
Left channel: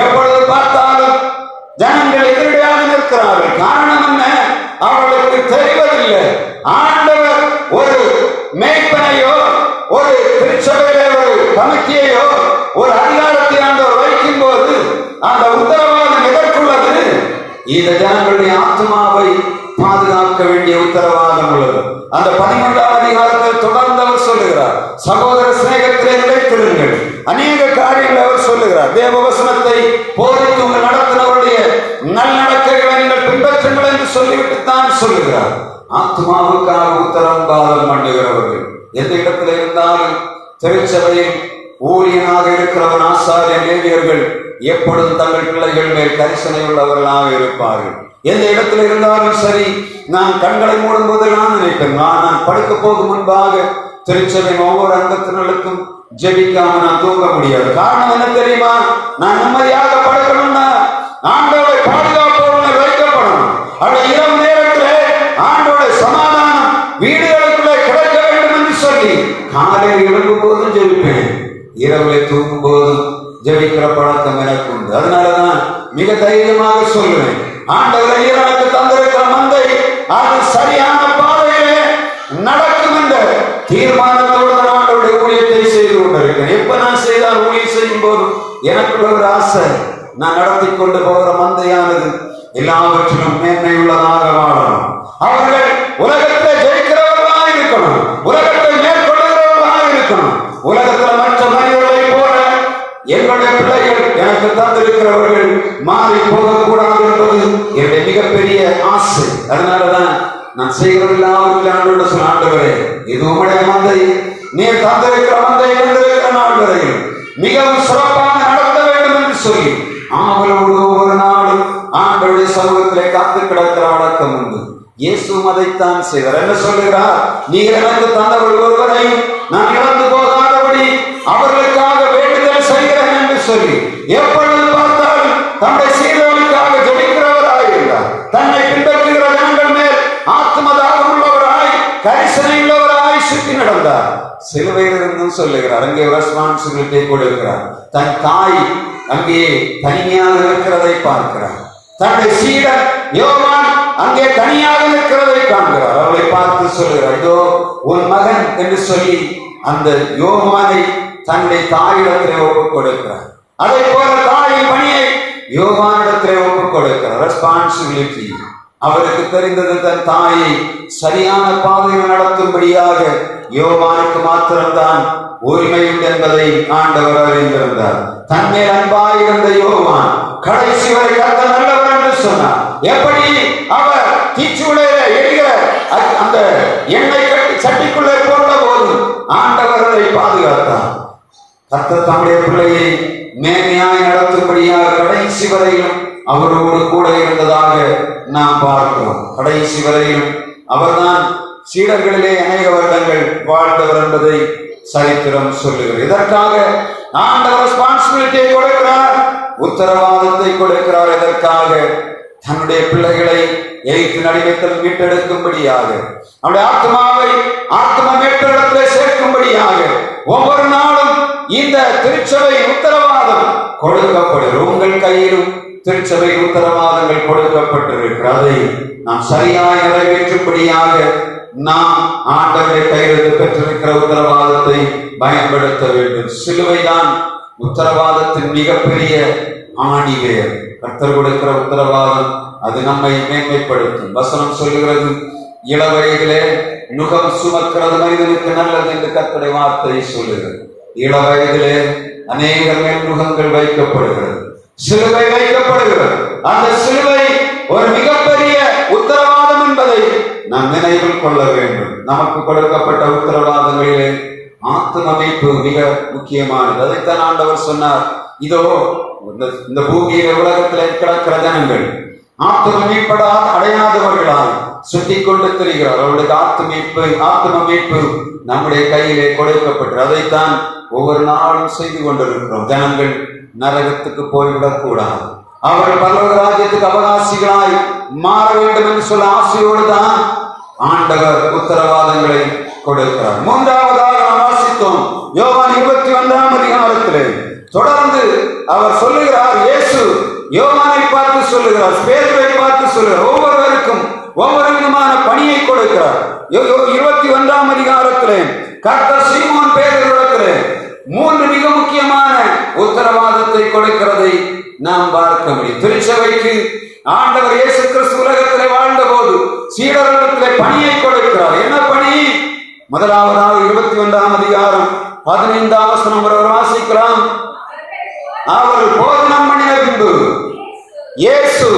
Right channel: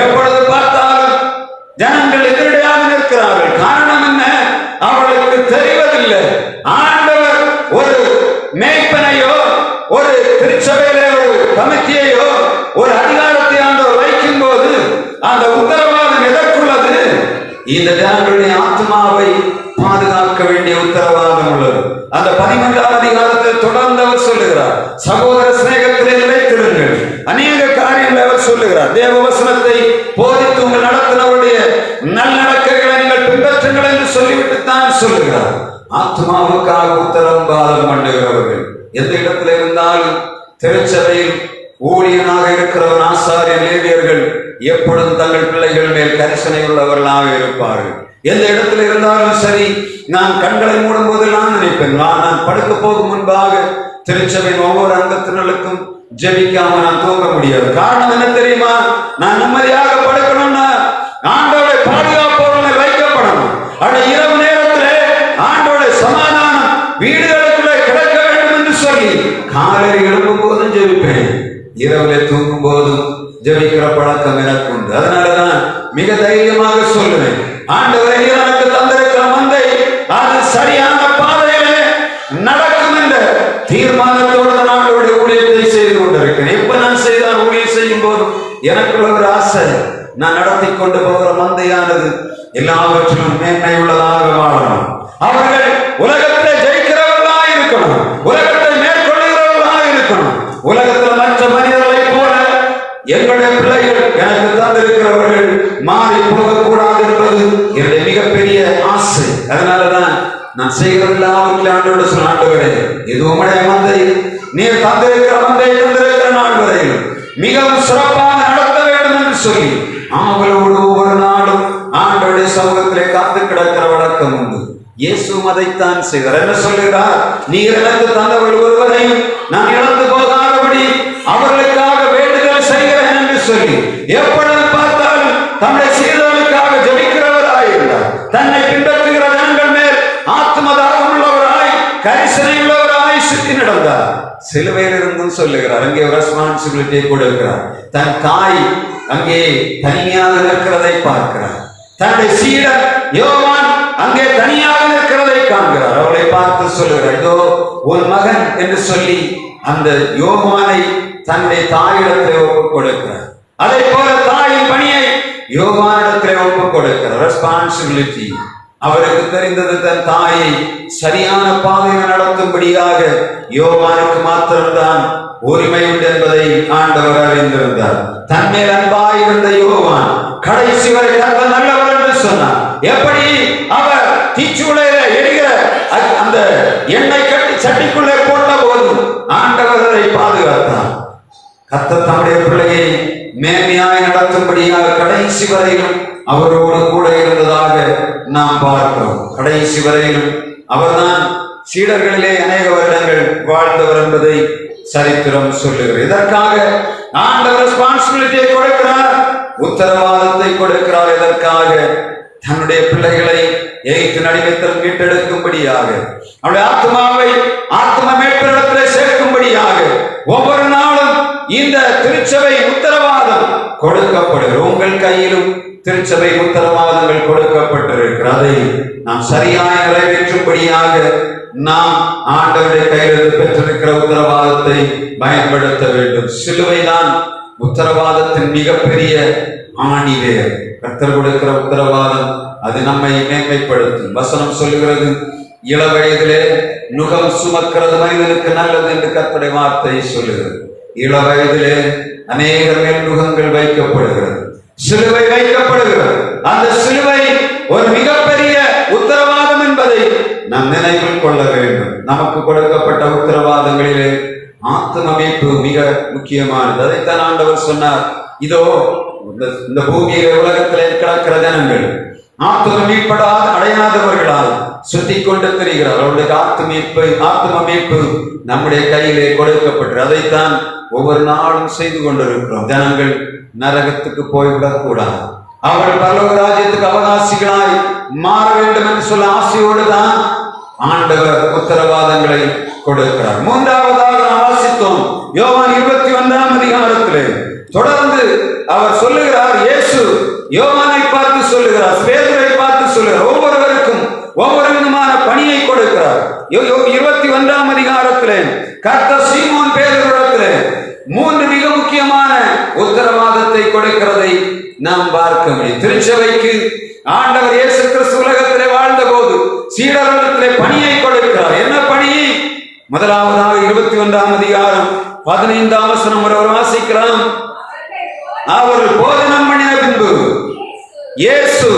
எப்பொழுது பார்த்தாலும் ஜனங்கள் எதிரடையாக நிற்கிறார்கள். காரணம் என்ன? அவர்களுக்கு தெரிவதில்லை. ஆண்டவர் ஒரு மேய்ப்பனையோ ஒரு திருச்சபையிலே ஒரு கமிட்டியையோ ஒரு அதிகாரத்தை ஆண்டவர் வைக்கும் போது அந்த உத்தரவாதம் எதற்குள்ளது? இந்த ஜனங்களுடைய ஆத்மாவை பாதுகாக்க வேண்டிய உத்தரவாதம் உள்ளது. அந்த 13ஆம் அதிகாரத்தில் தொடர்ந்து அவர் சொல்லுகிறார், சகோதர சிநேகத்திலே நிலைத்திருங்கள். அநேக காரியங்களை அவர் சொல்லுகிறார். தேவ வசனத்தை போதித்து உங்கள் நடத்தினவருடைய நல்லடக்கைகளை நீங்கள் பின்பற்றுங்கள் என்று சொல்லிவிட்டு தான் சொல்லுகிறார். ஆத்மாவுக்காக உத்தரவாதம் பண்ணுகிறவர்கள் எந்த இடத்துல இருந்தாலும், திருச்சபையில் ஊழியனாக இருக்கிறவன் ஆசாரியர் லேவியர்கள் எப்பொழுதும் தங்கள் பிள்ளைகள் மேல் கரிசனை உள்ளவர்களாக இருப்பார்கள். எந்த இடத்துல இருந்தாலும் சரி, நான் கண்களை மூடும் போது நான் நினைப்பேன், நான் படுக்க போகும் முன்பாக திருச்சபையின் ஒவ்வொரு அங்கத்தினருக்கும் ஜெபிக்காம நான் தூங்க முடியாது. காரணம் என்ன தெரியுமா? நான் நிம்மதியாக படுக்கணும்னா ஆண்டோட பாதுகாப்பு வைக்கப்படணும். ஆனா இரவு நேரத்திலே ஆண்டோட சமாதானம் வீடுகளுக்குள்ளே கிடைக்க வேண்டும் என்று சொல்லி காலையில் எழும்பும் போதும் ஜெபிப்பேன், இரவுல தூங்கும் போதும் ஜெபிக்கிற பழக்கம் எனக்கு உண்டு. அதனாலதான் மிக தைரியமாக சொல்லுவேன், ஆண்டவரை எனக்கு தந்திருக்கிற மந்தை அது சரியான பாதையிலே நடக்கும் என்ற தீர்மானத்தோடு ஆண்டவருடைய ஊழியத்தை செய்து கொண்டிருக்கிறேன். எப்ப நான் செய்தால் ஊழியம் செய்யும் போதும் எனக்குள்ள ஒரு ஆசை, நான் நடத்தி கொண்டு போகிற மந்தையானது எல்லாவற்றிலும் மேன்மை உள்ளதாக வாழணும். அவர்கள் உலகத்தை ஜெயிக்கிறவர்களாக இருக்கணும், உலகத்தை மேற்கொள்ளுகிறவர்களாக இருக்கணும். உலகத்தில் மற்ற மனிதர்களை போல எங்களுடைய பிள்ளைகள் எனக்கு தந்திருக்கிறவர்கள் மாறி போகக்கூடாது என்பது என்னுடைய மிகப்பெரிய ஆசை. அதனாலதான் நான் செய்கிறதெல்லாம் ஆண்டோடு சொன்ன, ஆண்டவரே இது உம்முடைய மந்தை, நீர் தந்திருக்கிற மந்தை தந்திருக்கிற நாள் வரையில் மிகவும் சிறப்பாக நடத்த வேண்டும் என்று சொல்லி ஆவலோடு ஒவ்வொரு நாளும் ஆண்டோடைய சமூகத்திலே காத்து கிடக்கிற வழக்கம் உண்டு. இயேசுவும் அதைத்தான் செய்தார். என்ன சொல்லுகிறார்? நீர் எனக்கு தந்தவர்கள் ஒருவரையும் நான் இழந்து போகாதபடி அவர்களுக்காக வேண்டுதல் செய்கிறேன் என்று சொல்லி எப்பொழுது பார்த்தாலும் தம்முடைய சீடர்களுக்காக ஜெபிக்கிறவராயிருந்தார். தன்னை பின்பற்றுகிற ஜனங்கள் மேல் ஆத்மதாகம் உள்ளவராய், கரிசனை உள்ளவராய் சுற்றி நடந்தார். சிலுவையில் இருந்தும் சொல்லுகிறார், அங்கே ஒரு ரெஸ்பான்சிபிலிட்டியை கொடுக்கிறார். தன் தாய் அங்கே தனியாக இருக்கிறதை பார்க்கிறார். தன்னுடைய சீடர் யோவான் அங்கே தனியாக இருக்கிறதை காண்கிறார். அவளை பார்த்து சொல்லுகிறார், இதோ உன் மகன் என்று சொல்லி அந்த யோவானை தன்னுடைய தாயிடத்திலே ஒப்புக் கொடுக்கிறார். அதை போல தாயின் பணியை யோவானிடத்திலே ஒப்புக் கொடுக்கிறார். ரெஸ்பான்சிபிலிட்டி. அவருக்கு தெரிந்தது தன் தாயை சரியான பாதையில் நடத்தும்படியாக யோவானுக்கு மாத்திரம்தான் உரிமை உண்டு என்பதை ஆண்டவர் அறிந்திருந்தார். தன்மேல் அன்பாயிருந்த யோவான் கடைசி வரை கர்த்தர் நல்லவர் என்று சொன்னார். எப்படி அவர் தீச்சூளையில எரிகிற அந்த எண்ணெய் கட்டி சட்டிக்குள்ளே போட்ட போது ஆண்டவர் அதை பாதுகாத்தார். கர்த்தர் தம்முடைய பிள்ளையை மேன்மையாய் நடத்தும்படியாக கடைசி வரையிலும் அவரோடு கூட இருந்ததாக நாம் பார்க்கிறோம். கடைசி வரையிலும் அவர்தான் சீடர்களிலே அநேக வருடங்கள் வாழ்ந்தவர் என்பதை சரித்திரம் சொல்லுகிறது. இதற்காக ஆண்டவர் ரெஸ்பான்சிபிலிட்டியை கொடுக்கிறார், உத்தரவாதத்தை கொடுக்கிறார். இதற்காக தன்னுடைய பிள்ளைகளை எய்த்து நடிமைத்தல் மீட்டெடுக்கும்படியாக, அவருடைய ஆத்மாவை ஆத்ம மேற்படத்திலே சேர்க்கும்படியாக ஒவ்வொரு நாளும் இந்த திருச்சபை உத்தரவாதம் கொடுக்கப்படுகிறது. உங்கள் கையிலும் திருச்சபை உத்தரவாதங்கள் கொடுக்கப்பட்டிருக்கிறது. அதை நாம் சரியாய் நிறைவேற்றும்படியாக நாம் ஆண்டவருடைய கையிலிருந்து பெற்றிருக்கிற உத்தரவாதத்தை பயன்படுத்த வேண்டும். சிலுவைதான் உத்தரவாதத்தின் மிகப்பெரிய ஆணிவேர். கர்த்தர் கொடுக்கிற உத்தரவாதம் அது நம்மை மேன்மைப்படுத்தும். வசனம் சொல்லுகிறது, இள வயதிலே நுகம் சுமக்கிறது மனிதனுக்கு நல்லது என்று கர்த்தருடைய வார்த்தை சொல்லுகிறது. இள வயதிலே அநேக மேல் நுகங்கள் வைக்கப்படுகிறது, சிலுவை வைக்கப்படுகிறது. அந்த சிலுவை ஒரு மிகப்பெரிய உத்தரவாதம் என்பதை நாம் நினைவில் கொள்ள வேண்டும். நமக்கு கொடுக்கப்பட்ட உத்தரவாதங்களிலே ஆத்ம மீட்பு மிக முக்கியமானது. அதைத்தான் ஆண்டவர் சொன்னார், இதோ இந்த பூமியில உலகத்திலே கிடக்கிற ஜனங்கள் ஆத்ம மீட்படாத அடையாதவர்களால் சுத்தி கொண்டு தெரிகிறார். அவருடைய ஆத்ம மீட்பு நம்முடைய கையிலே கொடுக்கப்பட்டு அதைத்தான் ஒவ்வொரு நாளும் செய்து கொண்டிருக்கிறோம். ஜனங்கள் நரகத்துக்கு போய்விடக் கூடாது, அவர்கள் பரலோக ராஜ்யத்துக்கு அவகாசிகளாய் மாற வேண்டும் என்று சொல்ல ஆசையோடு தான் ஆண்டவர் உத்தரவாதங்களை கொடுக்கிறார். மூன்றாவதாக நாம் வாசித்தோம் யோவான் 21ஆம் அதிகாரத்திலே தொடர்ந்து அவர் சொல்லுகிறார், இயேசு யோவானை பார்த்து சொல்லுகிறார், பேதுரை பார்த்து சொல்லுகிறார், ஒவ்வொருவருக்கும் ஒவ்வொரு விதமான பணியை கொடுக்கிறார். 21ஆம் அதிகாரத்திலே கர்த்தர் சீமோன் பேதுருவிடத்திலே 3 மிக முக்கியமான உத்தரவாதத்தை கொடுக்கிறதை நாம் பார்க்க முடியும். திருச்சபைக்கு ஆண்டவர் இயேசு கிறிஸ்து உலகத்திலே வாழ்ந்த போது சீடர்களிடத்திலே பணியை கொடுக்கிறார். என்ன பணி? முதலாவதாக 21ஆம் அதிகாரம் 15ஆம் வசனம் ஒருவர் வாசிக்கலாம். அவர்கள் போதனம் பண்ணின பின்பு இயேசு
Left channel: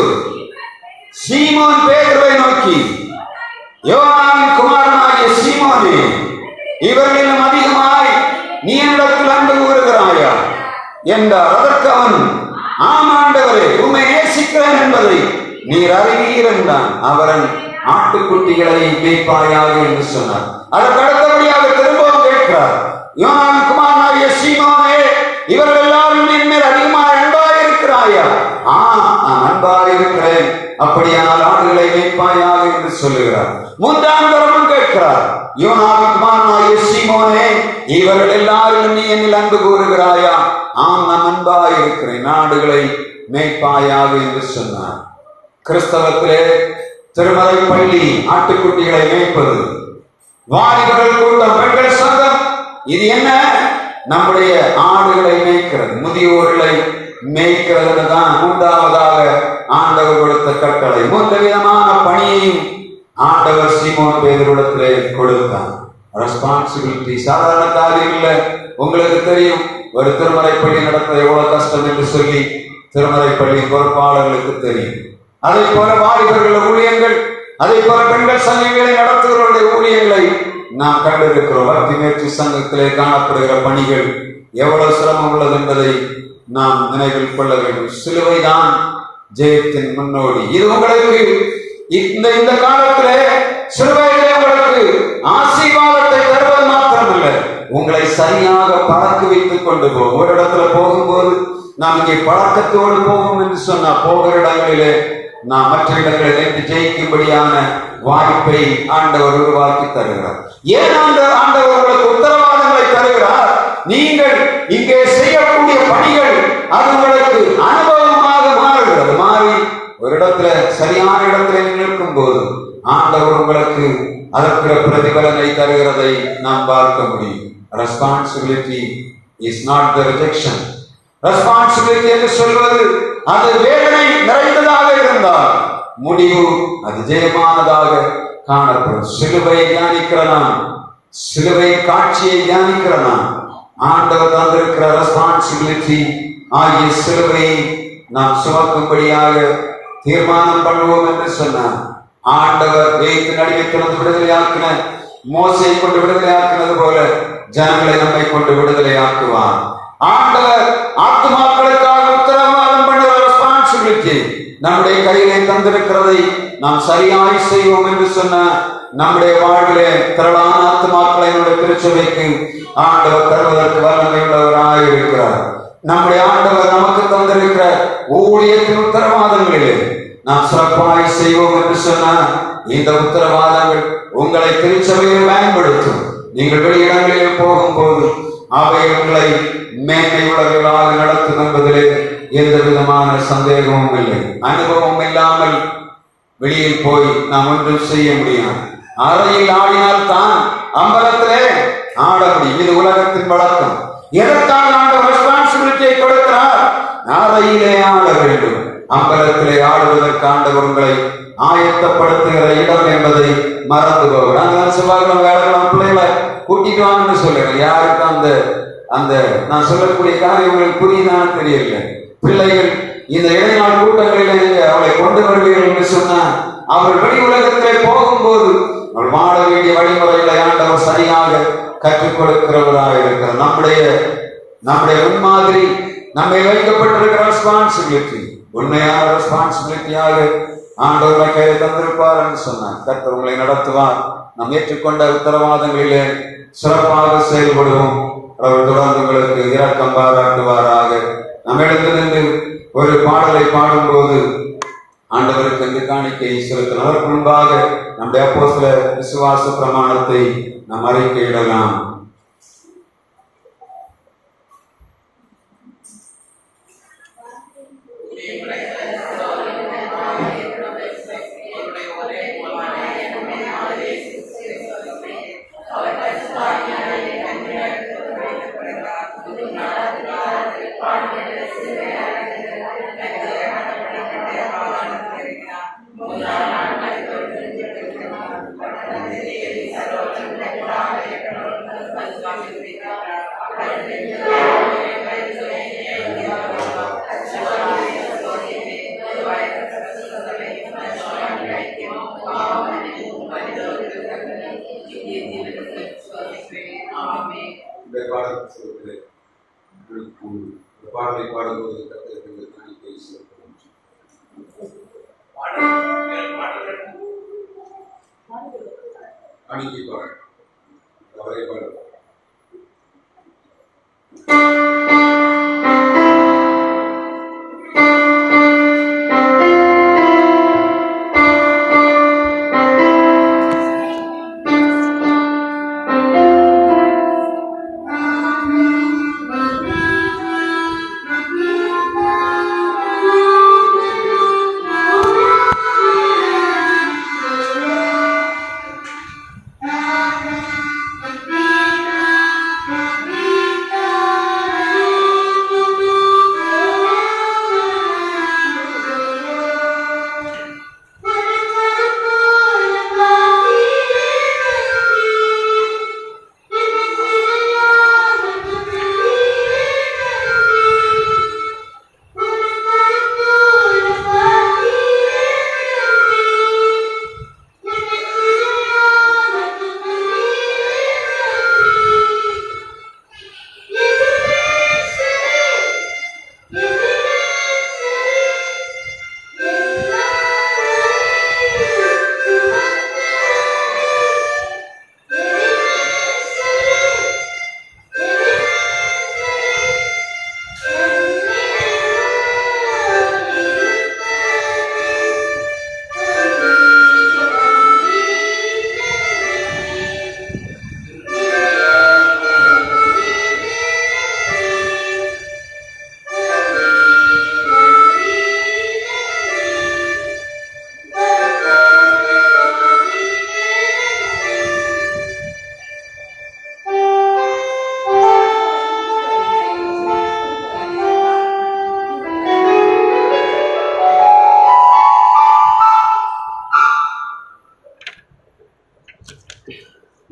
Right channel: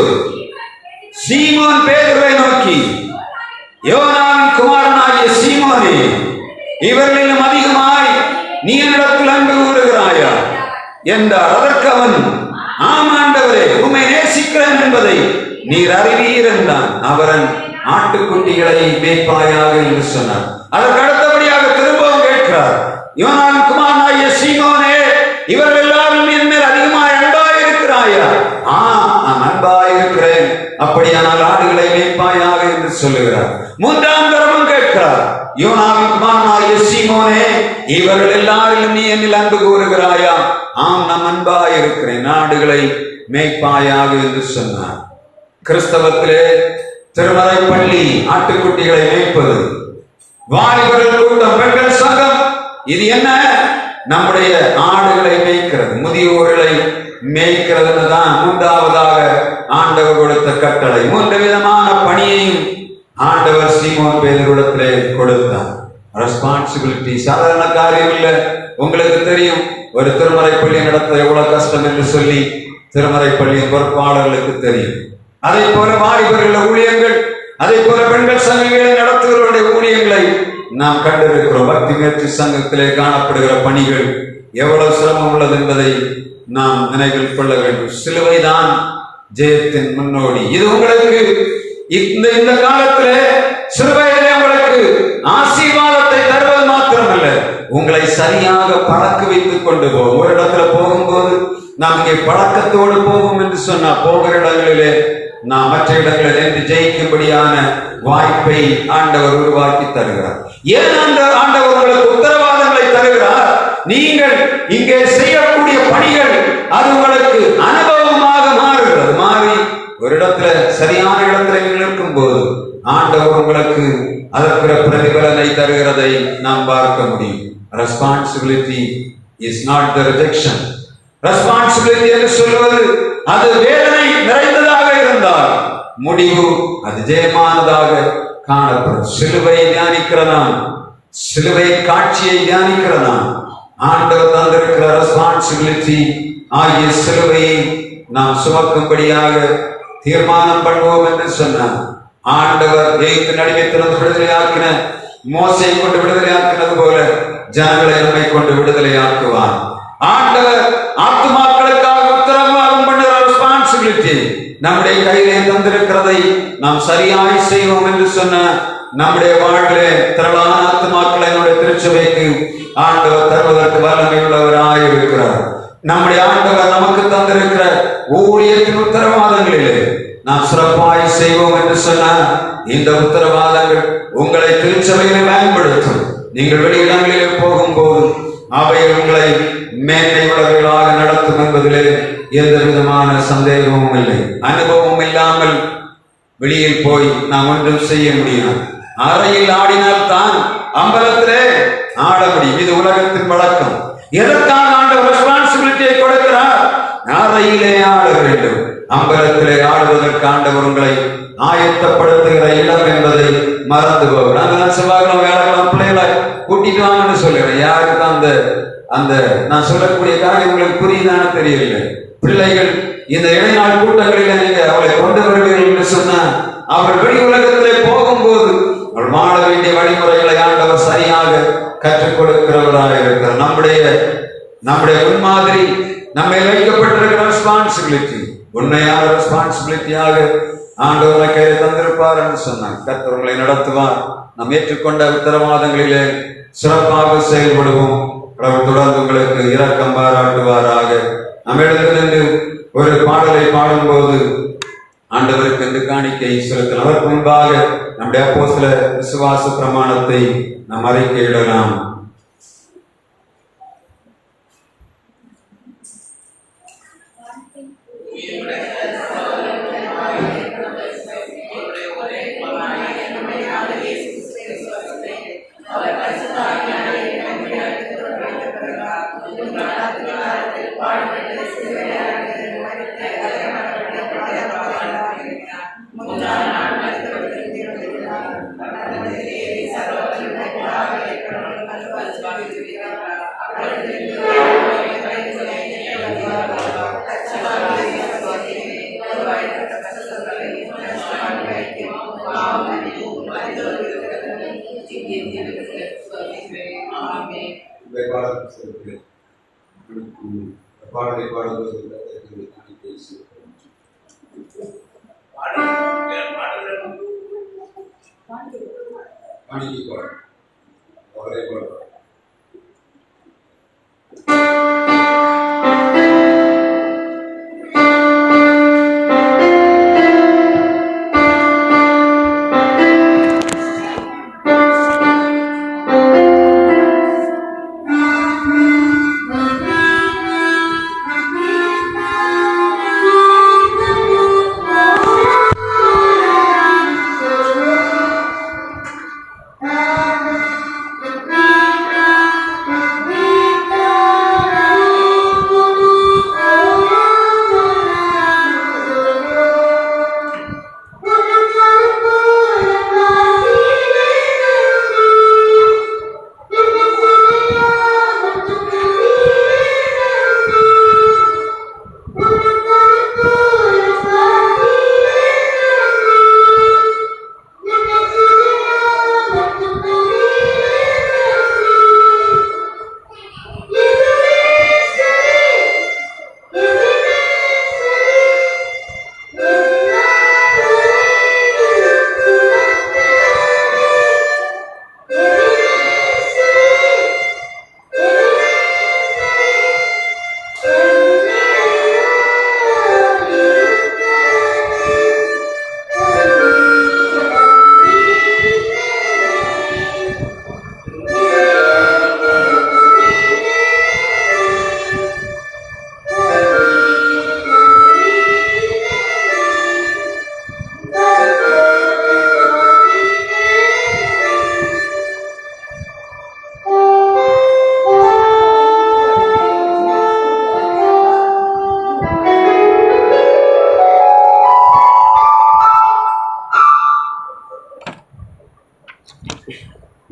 சீமோன் பேதுருவை நோக்கி, யோனாவின் குமாரனாகிய சீமோனே, இவர்களிலும் அதிகமாய் நீ என்னிடத்தில் அன்பு கூறுகிறாயா என்றார். அதற்கு அவன், ஆம் ஆண்டவரே, உம்மை நேசிக்கிறேன் என்பதை நீர் அறிவீர் என்றான். அவரன் ஆட்டுக்குட்டிகளை மேய்ப்பாயாக என்று சொன்னார். அதற்கு அடுத்தபடியாக திரும்பவும் கேட்கிறார், யோனாவின் குமாரனாகிய சீமோனே, இவர்கள் எல்லாரும் என் மேல் அதிகமாய் அன்பாயிருக்கிறாயா? நான் அன்பாயிருக்கிறேன், அப்படியானால் ஆடுகளை மேய்ப்பாயாக என்று சொல்லுகிறார். 3ஆம் தரமும் கேட்கிறார், யோனாவின் குமாரனாகிய சீமோனே, இவர்கள் எல்லாரிலும் நீ என்னில் அன்பு கூறுகிறாயா? ஆம், நான் அன்பாயிருக்கிறேன், ஆடுகளை மேய்ப்பாயாக என்று சொன்னார். கிறிஸ்தவத்திலே திருமறை பள்ளி ஆட்டுக்குட்டிகளை மேய்ப்பது, வாலிபர்கள் கூட்டம், பெண்கள் சங்கம், இது என்ன? நம்முடைய ஆடுகளை மேய்க்கிறது, முதியோர்களை மேய்க்கிறது தான் 3ஆவதாக ஆண்டவர் கொடுத்த கட்டளை. 3 விதமான பணியையும் ஆண்டவர் சீமோன் பேதுருவிடத்திலே கொடுத்தார். ரெஸ்பான்சிபிலிட்டி சாதாரண காரியம் இல்லை. உங்களுக்கு தெரியும், ஒரு திருமறை பள்ளி நடத்த எவ்வளவு கஷ்டம் என்று சொல்லி திருமறை பள்ளியின் பொறுப்பாளர்களுக்கு தெரியும். அதே போல வாலிபர்கள் ஊழியங்கள், அதே போல பெண்கள் சங்கங்களை நடத்துகிறவருடைய ஊழியங்களை நாம் கண்டிருக்கிறோம். பக்தி முயற்சி சங்கத்திலே காணப்படுகிற பணிகள் எவ்வளவு சிரமம் உள்ளது என்பதை நாம் நினைவில் கொள்ள வேண்டும். சிலுவைதான் ஜெயத்தின் முன்னோடி. இது உங்களுக்கு இந்த காலத்திலே சிலுவையிலே உங்களுக்கு ஆசீர்வாதத்தை தருவது மாத்திரமல்ல, உங்களை சரியாக பழக்க வைத்துக் கொண்டு போகும். ஒரு இடத்துல போகும்போது நாம் இங்கே பழக்கத்தோடு போகும் என்று சொன்னா, போகிற இடங்களிலே நாம் மற்ற இடங்களில் நின்று ஜெயிக்கும்படியான வாய்ப்பை ஆண்டவர் உருவாக்கி தருகிறார். ஏன் ஆண்டவர் உங்களுக்கு உத்தரவாதங்களை தருகிறார்? நீங்கள் இங்கே செய்யக்கூடிய பணிகள் அது உங்களுக்கு அனுபவமாக மாறுகிறது. மாறி ஒரு இடத்துல சரியான இடத்துல நிற்கும் போது ஆண்டவர் உங்களுக்கு அதற்கு பிரதிபலனை தருகிறதை நாம் பார்க்க முடியும். Responsibility is not the rejection. Responsibility என்று சொல்வது அது வேதனை நிறைந்ததாக இருந்தால் முடிவு அது ஜெயமானதாக காணப்படும். சிலுவையை தியானிக்கிறதான், சிலுவை காட்சியை தியானிக்கிறதான் ஆண்டவர் தந்திருக்கிற ரெஸ்பான்சிபிலிட்டி ஆகிய சிலுவையை நாம் சுமக்கும்படியாக தீர்மானம் பண்ணுவோம் என்று சொன்னார். ஆண்டவர் எகிப்தின் அடிமைத்தனத்தை விடுதலையாக்கின மோசையை கொண்டு விடுதலையாக்கினது போல ஜனங்களை நம்மை கொண்டு விடுதலையாக்குவார். ஆண்டவர் ஆத்துமாக்களுக்காக உத்தரவாதம் பண்ணுகிற ரெஸ்பான்சிபிலிட்டி நம்முடைய கையிலே தந்திருக்கிறதை நாம் சரியாய் செய்வோம் என்று சொன்ன நம்முடைய வாழ்விலே திரளான ஆத்துமாக்களை நம்முடைய திருச்சபைக்கு ஆண்டவர் தருவதற்கு வல்லமை உள்ளவராய் இருக்கிறார். நம்முடைய ஆண்டவர் நமக்கு தந்திருக்கிற ஊழியத்தின் உத்தரவாதங்களிலே நாம் சிறப்பாய் செய்வோம் என்று சொன்ன இந்த உத்தரவாதங்கள் உங்களை திருச்சபையிலே பயன்படுத்தும். நீங்கள் வெளியிடங்களில் போகும்போது அவை உங்களை மேன்மை உள்ளவர்களாக நடத்தும் என்பதிலே எந்த விதமான சந்தேகமும் இல்லை. அனுபவம் இல்லாமல் வெளியில் போய் நாம் ஒன்றும் செய்ய முடியாது. அறையில் ஆடினால் தான் அம்பலத்திலே ஆட முடியும். இது உலகத்தின் வழக்கம். எதற்காக ஆண்டவர் ரெஸ்பான்சிபிலிட்டியை கொடுக்கிறார்? அறையிலே ஆட வேண்டும். அம்பலத்திலே ஆடுவதற்கு ஆண்டவர் உங்களை ஆயத்தப்படுத்துகிற இடம் என்பதை மறந்து போகும். நாங்கள் செவ்வாய்க்கிழமை வேலைக்கிழமை பிள்ளைகளை கூட்டிட்டு வாங்கன்னு சொல்லுறேன். யாருக்கு அந்த நான் சொல்லக்கூடிய காரியம் உங்களுக்கு புரியுதானு தெரியல. பிள்ளைகள் இந்த இடைநாள் கூட்டங்களில் நீங்க அவளை கொண்டு வருவீர்கள் என்று சொன்ன அவர்கள் வெளி உலகத்திலே போகும்போது அவள் வாழ வேண்டிய வழிமுறைகளை ஆண்டவர் சரியாக கற்றுக் கொடுக்கிறவராக இருக்கிறார். நம்முடைய முன்மாதிரி நம்மை வைக்கப்பட்டிருக்கிற ரெஸ்பான்சிபிலிட்டி உண்மையான ரெஸ்பான்சிபிலிட்டியாக ஆண்டவர் கையை தந்திருப்பார் என்று சொன்னார். கர்த்தர் உங்களை நடத்துவார். நாம் ஏற்றுக்கொண்ட உத்தரவாதங்களிலே சிறப்பாக செயல்படுவோம். அவர் தொடர்ந்து உங்களுக்கு இரக்கம் பாராட்டுவாராக. நாம் எடுத்து நின்று ஒரு பாடலை பாடும்போது ஆண்டவருக்கு என்று காணிக்கை செலுத்தலாம். அதற்கு முன்பாக நம்முடைய அப்போஸ்தல விசுவாச பிரமாணத்தை நாம் அறிக்கையிடலாம். பாடலை பாடும்போது காணிக்கை செலுத்தலாம். காணிக்கை பாடு அவரே பாடு.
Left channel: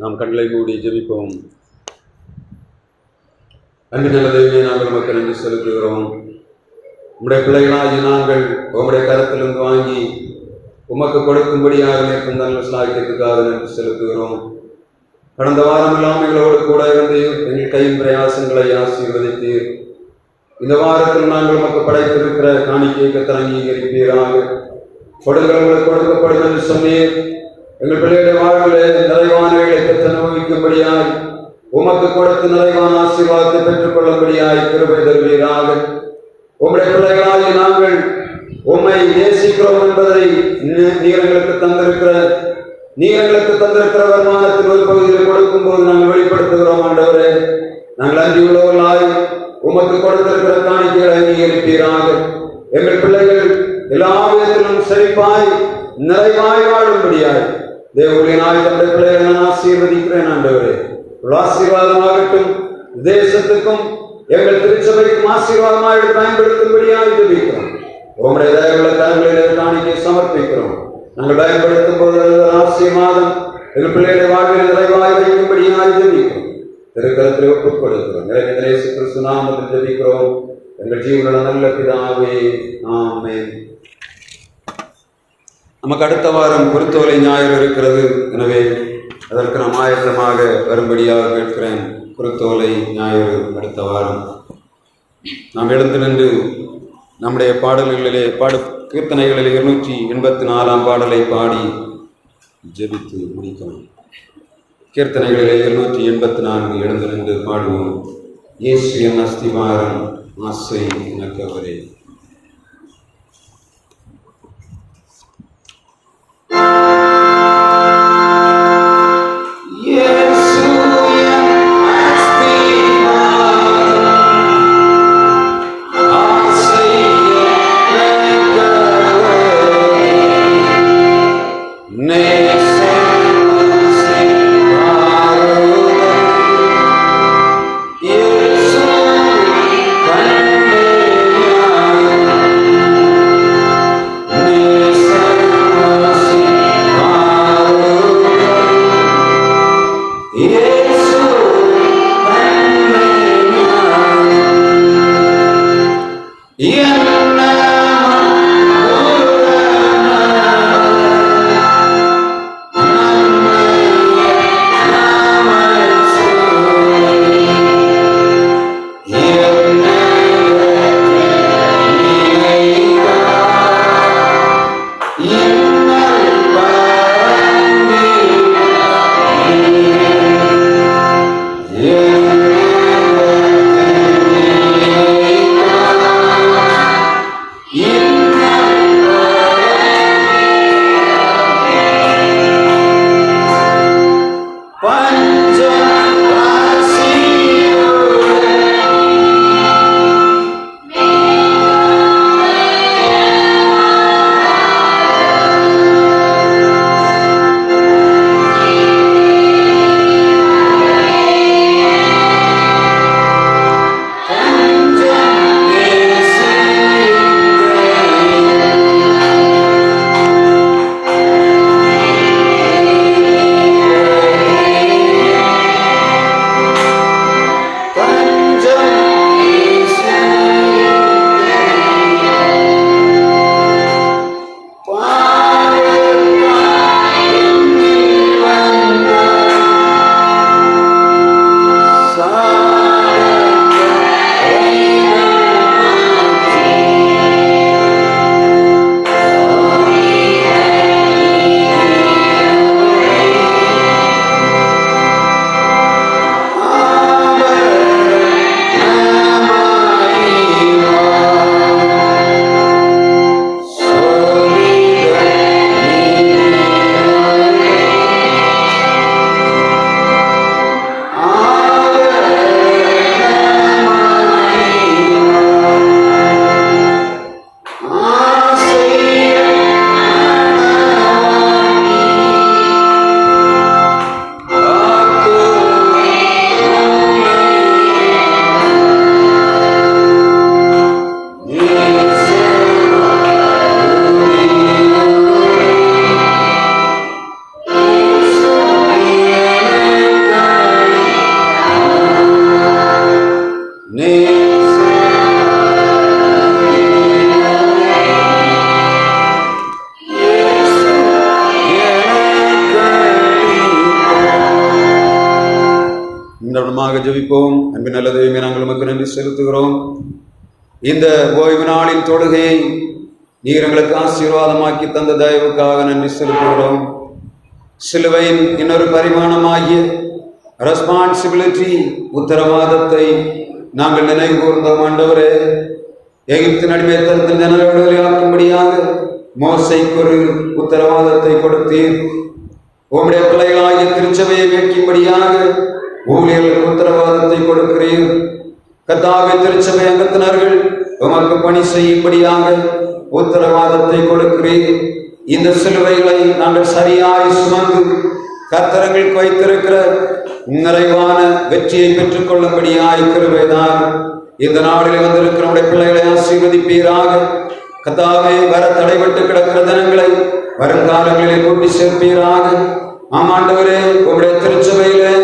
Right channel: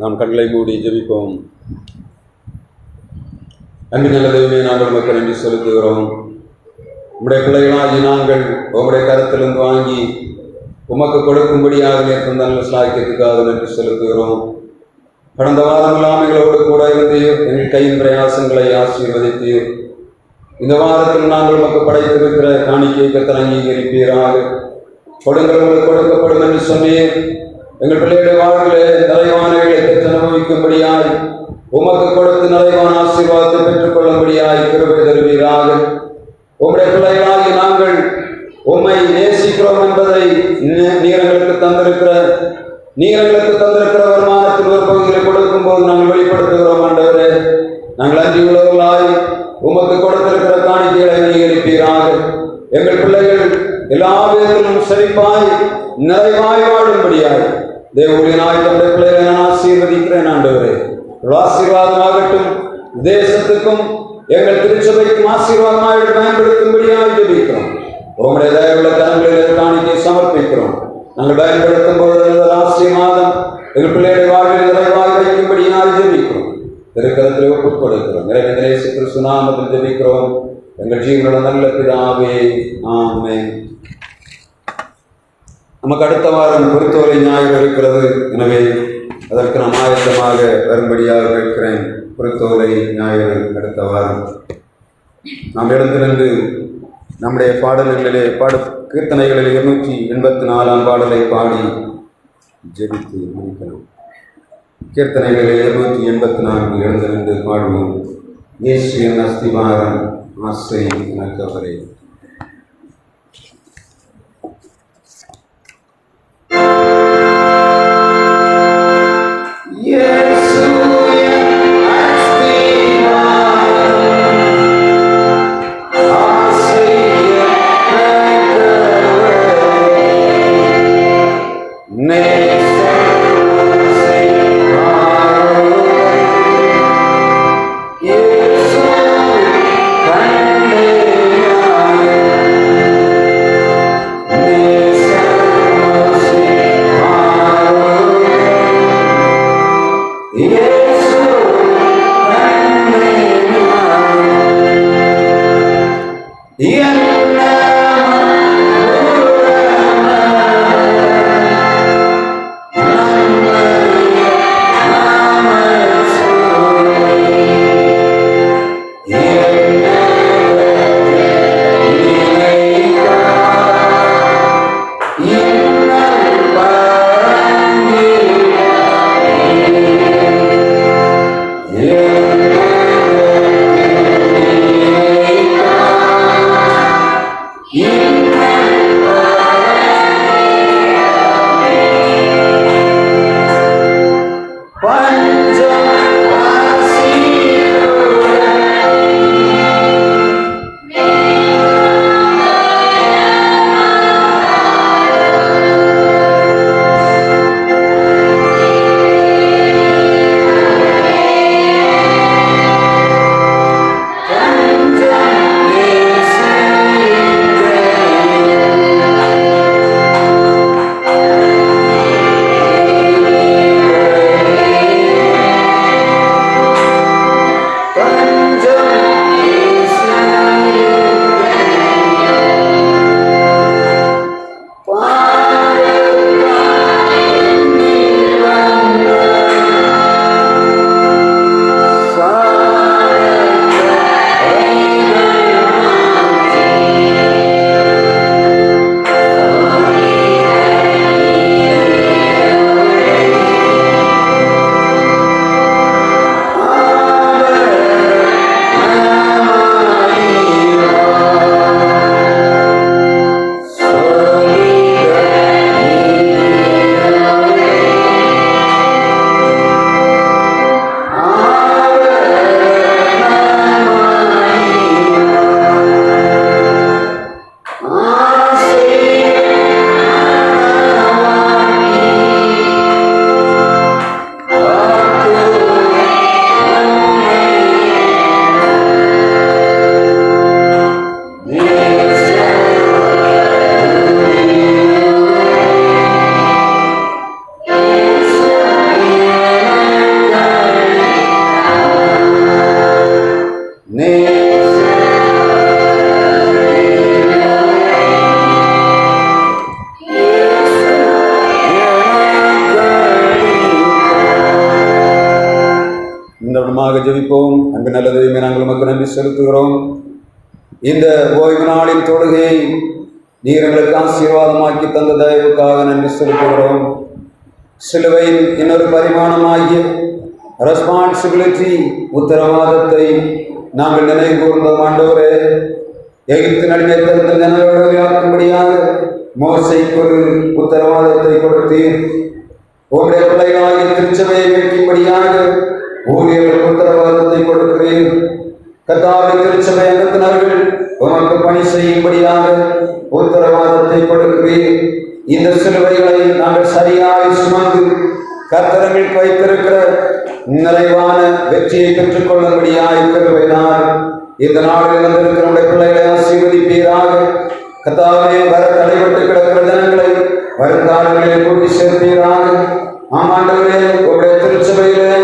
நாம் கண்களை மூடி ஜெபிப்போம். அன்பு நல்ல தெய்வமே, நாங்கள் உமக்கு நன்றி செலுத்துகிறோம். உம்முடைய பிள்ளைகளாகி நாங்கள் உம்முடைய கரத்திலிருந்து வாங்கி உமக்கு கொடுக்கும்படியாக இருக்கும் நல்ல சாக்கியத்துக்காக நன்றி செலுத்துகிறோம். கடந்த வாரம் எல்லாம் எங்களோடு கூட இருந்து எங்கள் கையின் பிரயாசங்களை ஆசீர்வதித்தீர். இந்த வாரத்தில் நாங்கள் உமக்கு படைத்திருக்கிற காணிக்கையை கர்த்தர் அங்கீகரிப்பீராக. கொடுங்கள் உங்களுக்கு கொடுக்கப்படும் என்று சொன்னீர். எங்கள் பிள்ளைகளுடைய வாழ்விலே நிறைவானவைகளை பெற்று அனுபவிக்கும்படியாய் உமக்கு கொடுத்து நிறைவான ஆசீர்வாதத்தை பெற்றுக் கொள்ளும்படியாய் கிருபை தருவீராக. உம்முடைய பிள்ளைகளாகி நாங்கள் உம்மை நேசிக்கிறோம் என்பதை நீர் எங்களுக்கு தந்திருக்கிற வருமானத்தில் ஒரு பகுதியில் கொடுக்கும் போது நாங்கள் வெளிப்படுத்துகிறோம். ஆண்டவரே, நாங்கள் அன்றியுள்ளவர்களாய் உமக்கு கொடுத்திருக்கிற காணிக்கைகளை அங்கீகரிப்பீராக. எங்கள் பிள்ளைகள் எல்லா விதத்திலும் செழிப்பாய் நிறைவாய் வாழும்படியாய் தேவூழியனாய் தம்முடைய பிள்ளைகளை நான் ஆசீர்வதிக்கிறேன். ஆண்டவரே, ஆசீர்வாதமாகட்டும். தேசத்துக்கும் எங்கள் திருச்சபைக்கும் ஆசீர்வாதமாக பயன்படுத்தும்படியாக ஜெபிக்கிறோம். உம்முடைய தயவுள்ள கரங்களில் காணிக்கை சமர்ப்பிக்கிறோம். நாங்கள் பயன்படுத்தும் போது ஆசீர்வாதம் எங்கள் பிள்ளைகளை வாழ்வில் நிறைவாய் வைக்கும்படியாக ஜெபிக்கிறோம். திருக்கரத்தில் ஒப்புக் கொடுக்கிறோம். நிறைவேற்ற இயேசு கிறிஸ்து நாமத்தில் ஜெபிக்கிறோம் எங்கள் ஜீவனுள்ள நல்ல பிதாவே, ஆமென். நமக்கு அடுத்த வாரம் குருத்தோலை ஞாயிறு இருக்கிறது. எனவே அதற்கு நாம் ஆயத்தமாக வரும்படியாக கேட்கிறேன். குருத்தோலை ஞாயிறு அடுத்த வாரம். நாம் எழுந்து நின்று நம்முடைய பாடல்களிலே கீர்த்தனைகளில் 284 பாடலை பாடி ஜெபித்து முடிக்கலாம். கீர்த்தனைகளிலே 284 எழுந்து நின்று பாடுவோம். இயேசு என் அஸ்திவாரம், ஆசை எனக்கு அவரே. Yes, ஜெபிப்போம். அன்பு நல்ல தெய்வமே, நாங்கள் உமக்கு நன்றி செலுத்துகிறோம். இந்த ஓய்வு நாளின் தொழுகையை நீர் எங்களுக்கு ஆசீர்வாதமாக்கி தந்த தயவுக்காக நன்றி செலுத்துகிறோம். சிலுவையின் இன்னொரு பரிமாணமாகிய ரெஸ்பான்சிபிலிட்டி, உத்தரவாதத்தை நாங்கள் நினைவு கூர்ந்தோம். ஆண்டவரே, எகிப்தின் அடிமைத்தனத்தில் ஜனவிடுதலையாக்கும்படியாக மோசேக்கு ஒரு உத்தரவாதத்தை கொடுத்தீர். உம்முடைய பிள்ளைகளாகிய திருச்சபையை மீட்கும்படியாக ஊழியர்களுக்கு உத்தரவாதத்தை கொடுக்கிறீர். கர்த்தாவே, திருச்சபை அங்கத்தினர்கள் உமக்கு பணி செய்யும்படியாக உத்தரவாதத்தை கொடுக்கிறீர். இந்த சிலுவைகளை நாங்கள் சரியாய் சுமந்து கர்த்தர்களுக்கு வைத்திருக்கிற நிறைவான வெற்றியை பெற்றுக் கொள்ளும்படியாய் கிருபைதான். இந்த நாளில் வந்திருக்கிற உடைய பிள்ளைகளை ஆசீர்வதிப்பீராக. கர்த்தாவே, வர தடைபட்டு கிடக்கிற ஜனங்களை வருங்காலங்களில் கூட்டி சேர்ப்பீராக. ஆமாண்டவரே, உங்களுடைய திருச்சபையிலே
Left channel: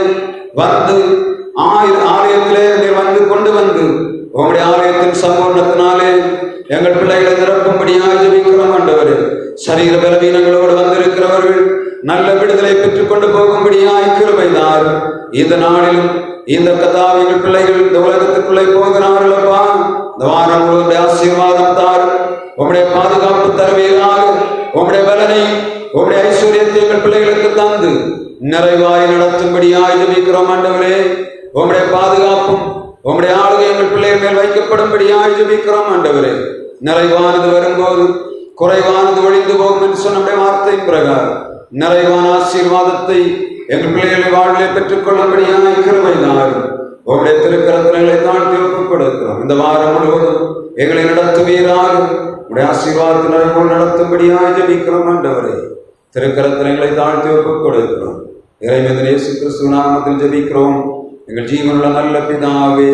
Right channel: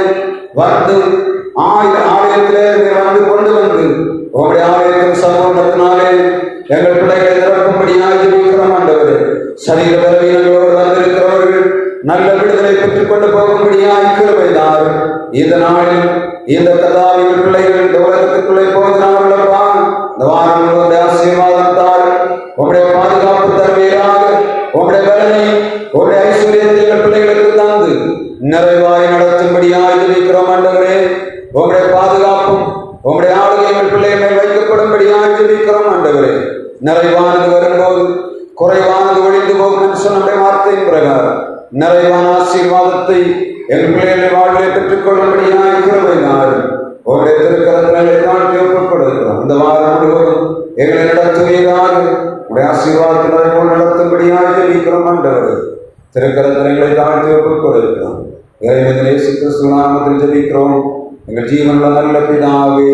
வந்து ஆலயத்திலே நீர் வந்து கொண்டு வந்து உங்களுடைய ஆலயத்தின் சம்பூர்ணத்தினாலே எங்கள் பிள்ளைகளை நிரப்பும்படியாக ஜெபிக்கிறோம். ஆண்டவரே, சரீர பலவீனங்களோடு வந்திருக்கிறவர்கள் நல்ல விடுதலை பெற்றுக் கொண்டு போகும்படியாய் கிருபைதார். இந்த நாளில் இந்த கதாவிகள் பிள்ளைகள் இந்த உலகத்துக்குள்ளே போகிறார்களப்பா. இந்த வாரம் உங்களுடைய ஆசீர்வாதம் தார். உங்களுடைய பாதுகாப்பு தருவீராக. உங்களுடைய பலனை, உங்களுடைய ஐஸ்வர்யத்தை எங்கள் பிள்ளைகளுக்கு தந்து நிறைவாய் நடத்தும்படியாய் ஜெபிக்கிறோம். ஆண்டவரே, உங்களுடைய பாதுகாப்பும் உங்களுடைய ஆளுகை எங்கள் பிள்ளைகள் மேல் வைக்கப்படும்படியாய் ஜெபிக்கிறோம். ஆண்டவரே, நிறைவானது வரும்போது குறைவானது ஒழிந்து போகும் என்று சொன்ன நம்முடைய வார்த்தையின் பிரகாரம் நிறைவான ஆசீர்வாதத்தை எங்கள் பிள்ளைகளை வாழ்விலே பெற்றுக் கொள்ளும்படியாய் கிருபைதார். உங்களுடைய திருக்கரங்களை தாழ்த்தி ஒப்புக் கொடுக்கிறோம். இந்த வாரம் முழுவதும் எங்களை நடத்துவீராக. உடைய ஆசீர்வாதத்தினை போல் நடத்தும்படியாய் ஜெபிக்கிறோம். ஆண்டவரே, திருக்கரங்களை தாழ்த்தி ஒப்புக் கொடுக்கிறோம். இறைவன் இயேசு கிறிஸ்து நாமத்தில் ஜெபிக்கிறோம் எங்கள் ஜீவனுள்ள நல்ல பிதாவே,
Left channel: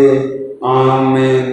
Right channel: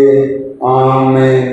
ஆமென்.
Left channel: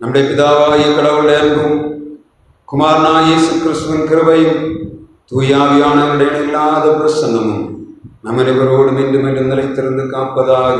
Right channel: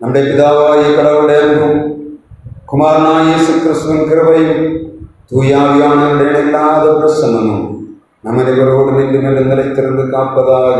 நம்முடைய பிதாவாகிய கடவுளுடைய அன்பும் குமாரனாகிய இயேசு கிறிஸ்துவின் கிருபையும் தூயாவியானவருடைய இணையில்லாத பிரசன்னமும் நம் அனைவரோடும் இன்றும் நிலைத்திருந்து காப்பதாக.